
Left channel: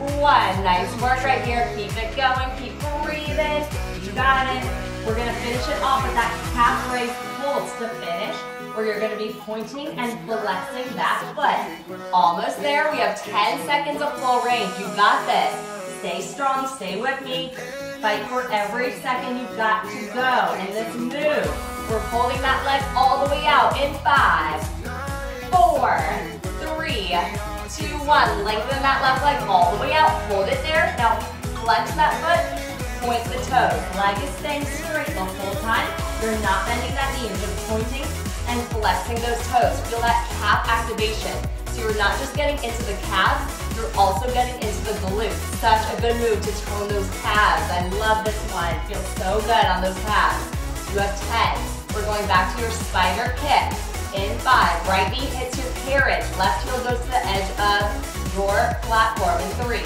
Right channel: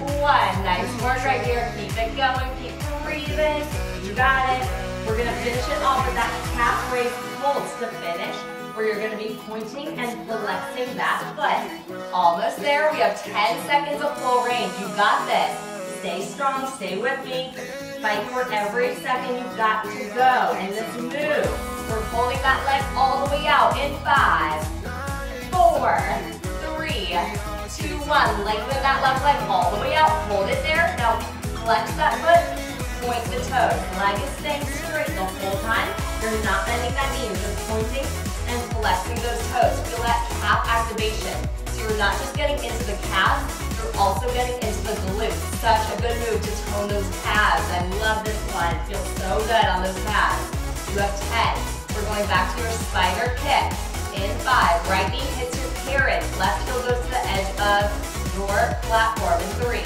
1. Nice work right here. Keep it going. Keep breathing. You got it. We're going to finish it off with that calf raise holds to finish, where you're going to be pointing and flexing that foot. Almost there. We have 10 seconds of flow range. You got this. Stay strong. Stay with me. Fight for every second you've got to go in this move. We're holding that leg all the way out in 5, 4, 3, 2, 1. Lengthen that left leg all the way out. Hold it there. Now flex that foot. Point the toes. Leg is staying straight the whole time. You're not bending that knee. You're just pointing and flexing those toes. Feel that calf activation. So you're not just getting into the calves, you're also getting into the glutes. Such a good move to tone those calves. I love this one. It feels so good on those calves. You have 10. We're going back to your spider kick. In 5, right knee hits your carriage. Left heel goes to the edge of your platform. In 3,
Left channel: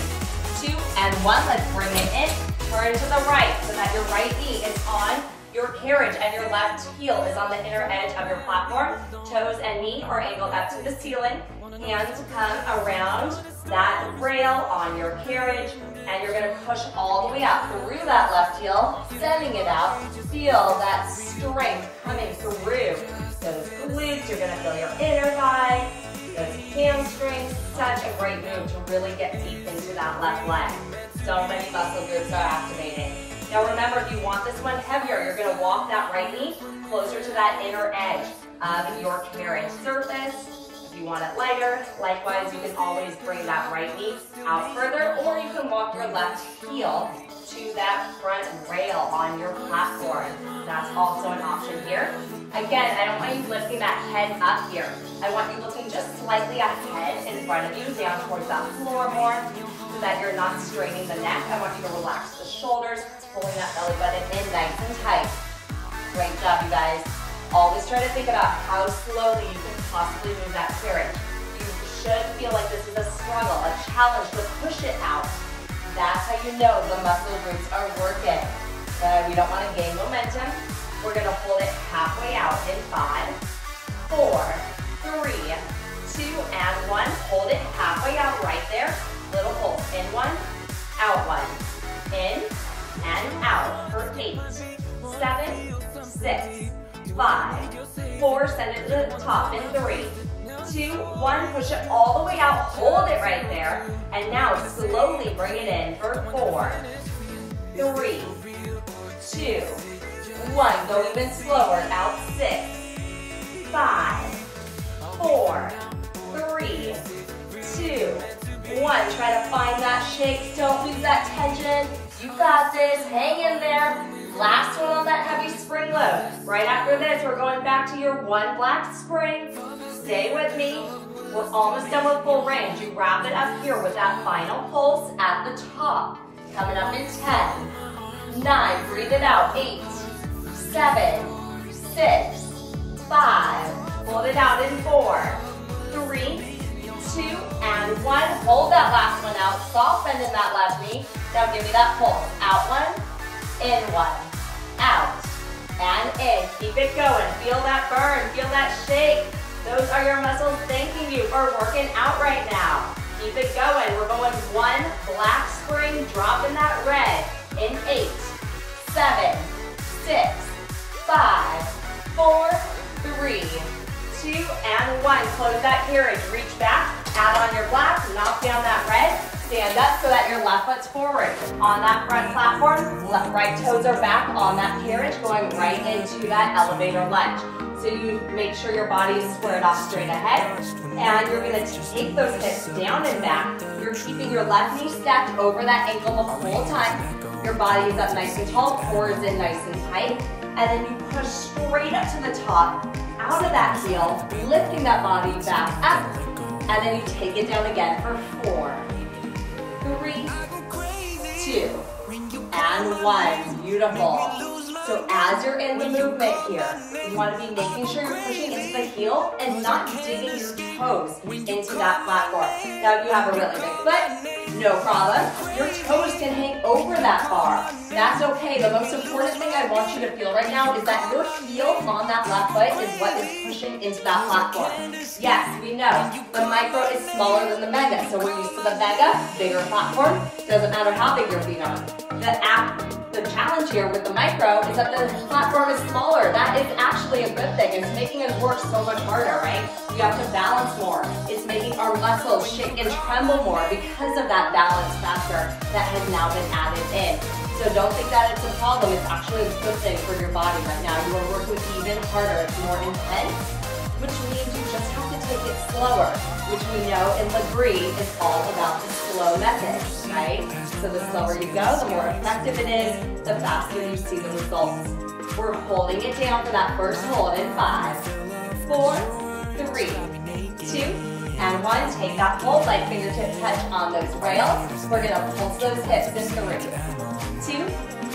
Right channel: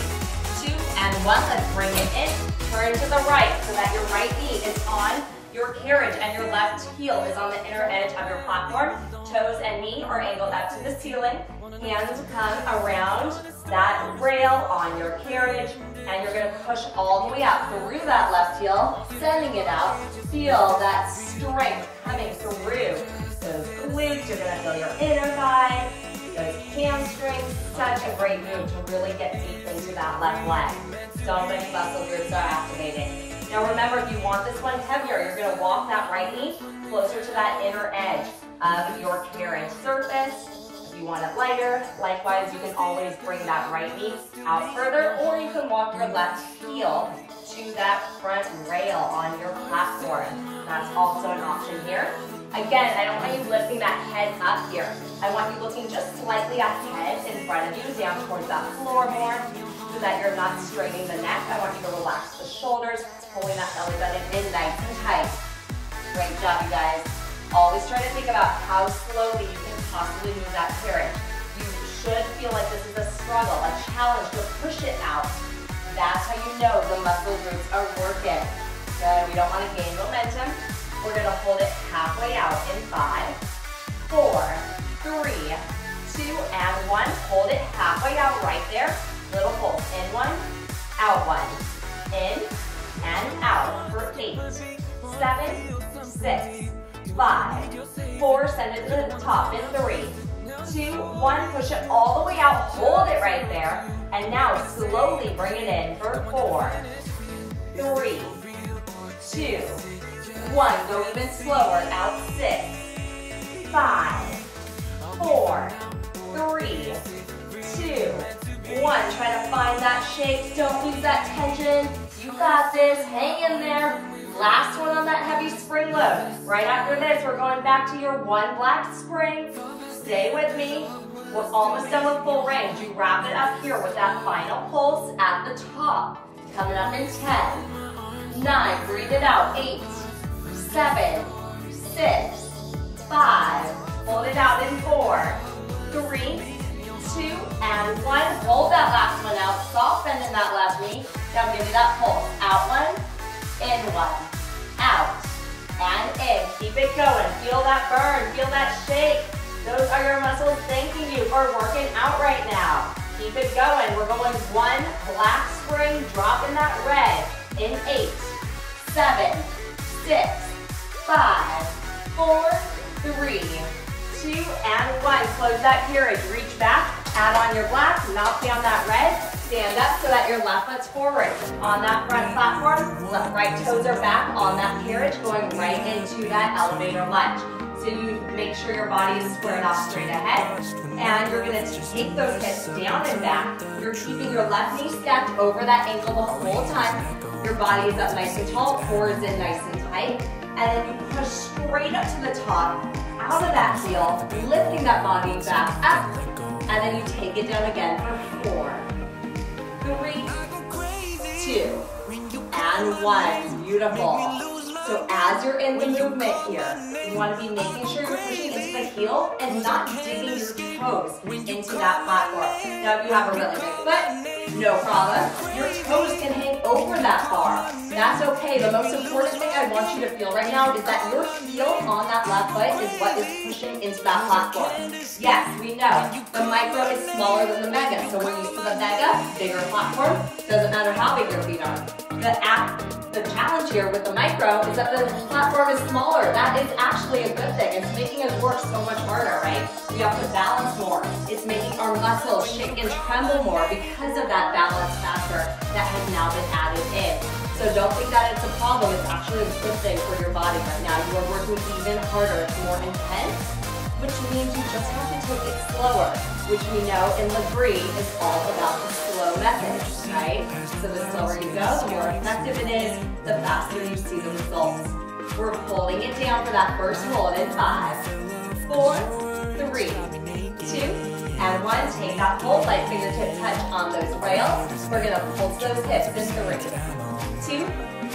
2, and 1. Let's bring it in. Turn to the right so that your right knee is on your carriage and your left heel is on the inner edge of your platform. Toes and knee are angled up to the ceiling. Hands come around that rail on your carriage, and you're going to push all the way out through that left heel, sending it out. Feel that strength coming through those glutes. You're going to feel your inner thigh, those hamstrings. Such a great move to really get deep into that left leg. So many muscle groups are activated. Now remember, if you want this one heavier, you're going to walk that right knee closer to that inner edge of your carriage surface. If you want it lighter, likewise, you can always bring that right knee out further, or you can walk your left heel to that front rail on your platform. That's also an option here. Again, I don't want you lifting that head up here. I want you looking just slightly ahead in front of you, down towards that floor more, so that you're not straining the neck. I want you to relax the shoulders, pulling that belly button in nice and tight. Great job, you guys. Always try to think about how slowly you can possibly move that carriage. You should feel like this is a struggle, a challenge to push it out. That's how you know the muscle groups are working. We don't want to gain momentum. We're going to hold it halfway out in 5, 4, 3, 2, and 1. Hold it halfway out right there. Little hold. In 1, out 1. In and out for 8, 7, 6, 5, 4. Send it to the top in 3, 2, 1. Push it all the way out. Hold it right there. And now slowly bring it in for 4, 3, 2, 1. Go even slower. Out 6, 5, 4, 3, 2, 1. Try to find that shake. Don't lose that tension. You got this. Hang in there. Last one on that heavy spring load. Right after this, we're going back to your 1 black spring. Stay with me. We're almost done with full range. You wrap it up here with that final pulse at the top. Coming up in 10, 9. Breathe it out. 8, 7, 6, 5. Hold it out in 4, 3, 2, and 1. Hold that last one out. Soft bend in that left knee. Now give me that pull. Out 1, in 1, out, and in. Keep it going. Feel that burn. Feel that shake. Those are your muscles thanking you for working out right now. Keep it going. We're going 1 black spring. Dropping that red in 8, 7, 6, 5, 4, 3, 2, and 1. Close that carriage. Reach back. Add on your black. Knock down that red. Stand up so that your left foot's forward. On that front platform, left right toes are back on that carriage, going right into that elevator lunge. So you make sure your body is squared off straight ahead. And you're going to take those hips down and back. You're keeping your left knee stacked over that ankle the whole time. Your body is up nice and tall, core is in nice and tight. And then you push straight up to the top, out of that heel, lifting that body back up. And then you take it down again for 4, 3, 2, and 1. Beautiful. So as you're in the movement here, you want to be making sure you're pushing into the heel and not digging your toes into that platform. Now if you have a really big foot, no problem. Your toes can hang over that bar. That's okay. The most important thing I want you to feel right now is that your heel on that left foot is what is pushing into that platform. Yes, we know the micro is smaller than the mega, so we're used to the mega, bigger platform. Doesn't matter how big your feet are. The challenge here with the micro is that the platform is smaller. That is actually a good thing. It's making us work so much harder, right? We have to balance more. It's making our muscles shake and tremble more because of that balance factor that has now been added in. So don't think that it's a problem. It's actually a good thing for your body right now. You are working even harder. It's more intense, which means you just have to take it slower, which we know in Lagree is all about the slow method, right? So the slower you go, the more effective it is, the faster you see the results. We're holding it down for that first hold in 5, 4, 3, 2, and 1. Take that hold, like fingertips touch on those rails. We're gonna pulse those hips in 3, 2,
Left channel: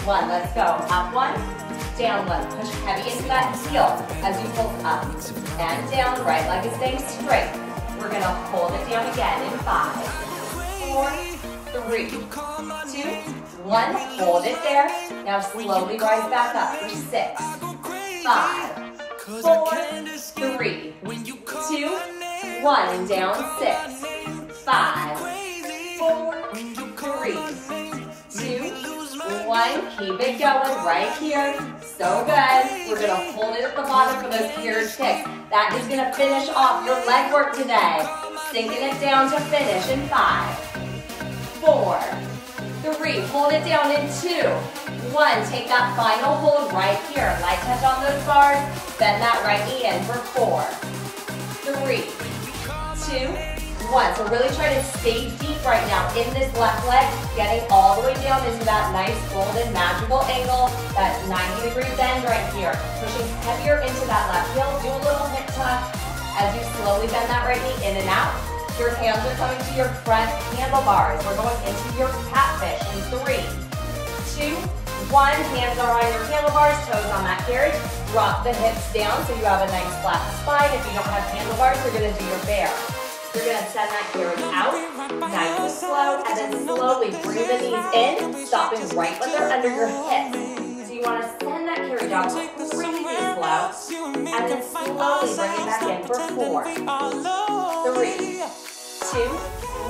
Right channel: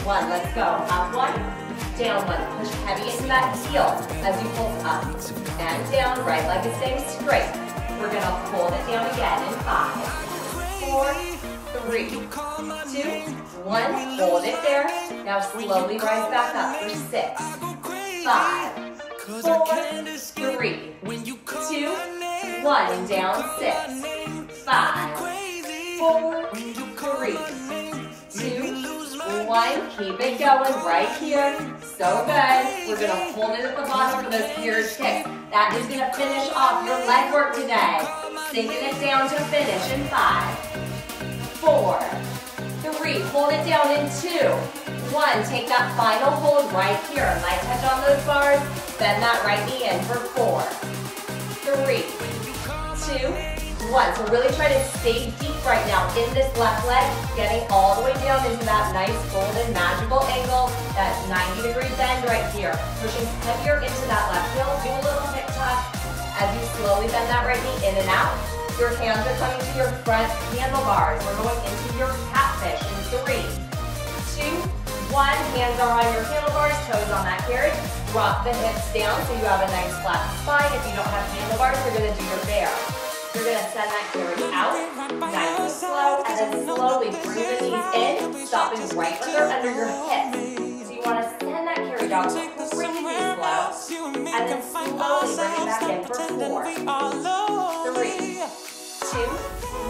1. Let's go. Up 1, down 1. Push heavy into that heel as you pull up and down. Right leg is staying straight. We're gonna hold it down again in 5, 4, 3, 2, 1. Hold it there. Now slowly rise back up for 6, 5, 4, 3, 2, 1. Down 6, 5, 4, 3, 2, 1. Keep it going right here. So good. We're gonna hold it at the bottom for those pierced hips. That is gonna finish off your leg work today. Sinking it down to finish in 5, 4, 3. Hold it down in 2, 1. Take that final hold right here. Light touch on those bars. Bend that right knee in for 4, 3, 2, 1. So really try to stay deep right now in this left leg, getting all the way down into that nice golden magical angle, that 90-degree bend right here. Pushing heavier into that left heel. Do a little hip tuck as you slowly bend that right knee in and out. Your hands are coming to your front handlebars. We're going into your catfish in 3, 2, 1. Hands are on your handlebars, toes on that carriage. Drop the hips down so you have a nice flat spine. If you don't have handlebars, you're going to do your bear. You're going to send that carriage out, nice and slow, and then slowly bring the knees in, stopping right when they're under your hips. So you want to send that carriage out really slow, and then slowly bring it back in for 4, 3, 2,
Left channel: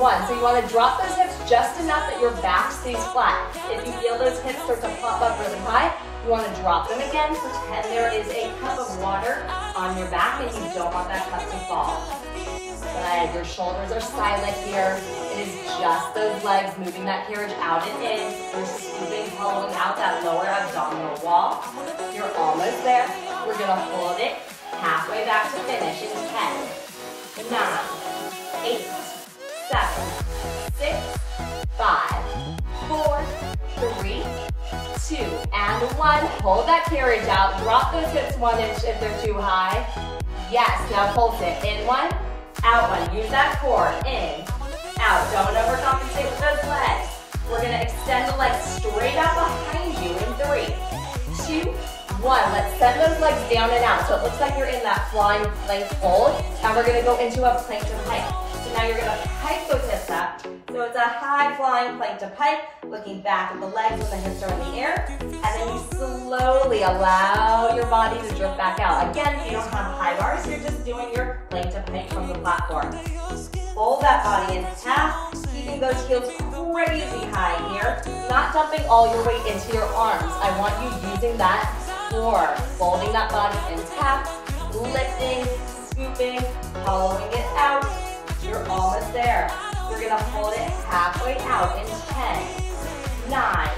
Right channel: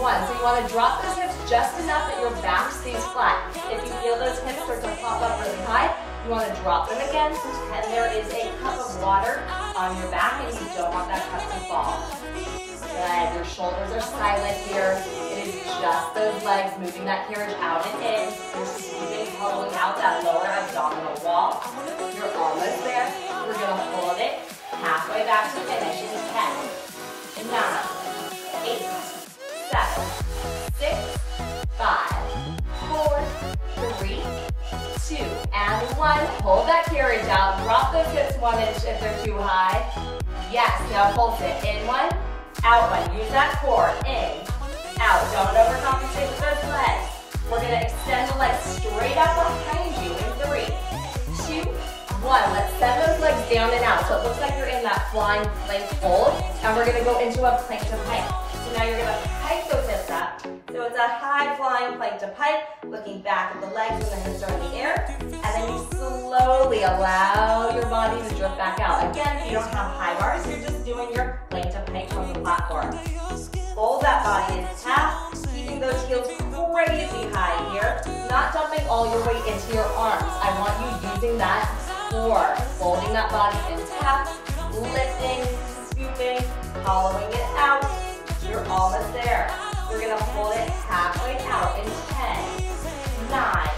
1. So you want to drop those hips just enough that your back stays flat. If you feel those hips start to pop up really high, you want to drop them again. Pretend there is a cup of water on your back and you don't want that cup to fall. Good. Your shoulders are silent here. It is just those legs moving that carriage out and in. You're scooping, hollowing out that lower abdominal wall. You're almost there. We're going to hold it halfway back to finish in 10, 9, 8, 7, 6, 5, 4, 3, 2, and 1. Hold that carriage out. Drop those hips 1 inch if they're too high. Yes, now pulse it. In 1, out 1. Use that core. In, out. Don't overcompensate with those legs. We're going to extend the legs straight out behind you in 3, 2, 1. Let's send those legs down and out. So it looks like you're in that flying plank hold. And we're going to go into a plank to pike. So now you're going to pike those hips up. So it's a high flying plank to pike, looking back at the legs when the hips are in the air. And then you slowly allow your body to drift back out. Again, if you don't have high bars, you're just doing your plank to pike from the platform. Fold that body in half, keeping those heels crazy high here. Not dumping all your weight into your arms. I want you using that core. Folding that body in half, lifting, scooping, hollowing it out. You're almost there. We're going to hold it halfway out in 10, 9,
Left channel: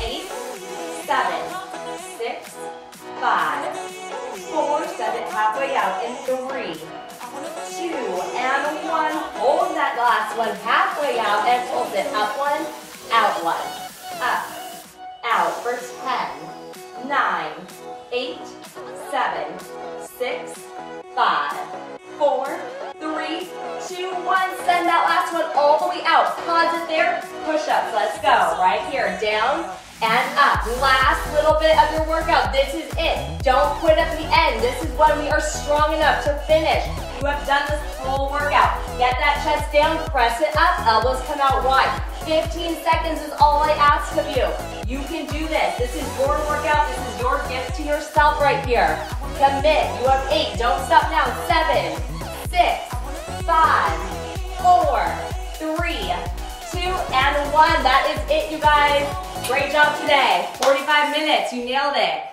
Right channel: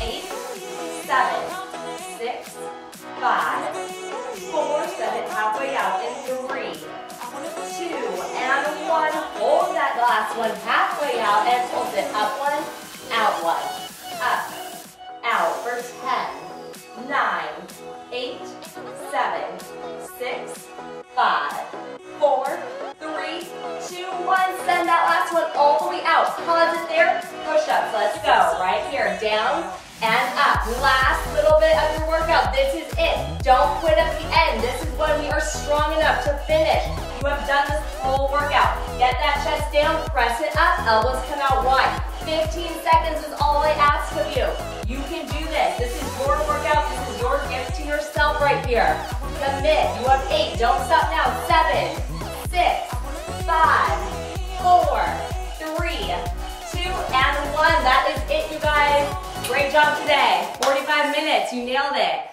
8, 7, 6, 5, 4, set it halfway out in 3, 2, and 1. Hold that last one halfway out and hold it. Up 1, out 1. Up, out for 10, 9, 8, 7, 6, 5, 4, 3, 2, 1. Send that last one all the way out. Pause it there. Push-ups. Let's go. Right here. Down and up. Last little bit of your workout. This is it. Don't quit at the end. This is when we are strong enough to finish. You have done this whole workout. Get that chest down, press it up, elbows come out wide. 15 seconds is all I ask of you. You can do this. This is your workout. This is your gift to yourself right here. Commit. You have 8. Don't stop now. 7, 6, 5, 4, 3, 2, and 1. That is it, you guys. Great job today. 45 minutes. You nailed it.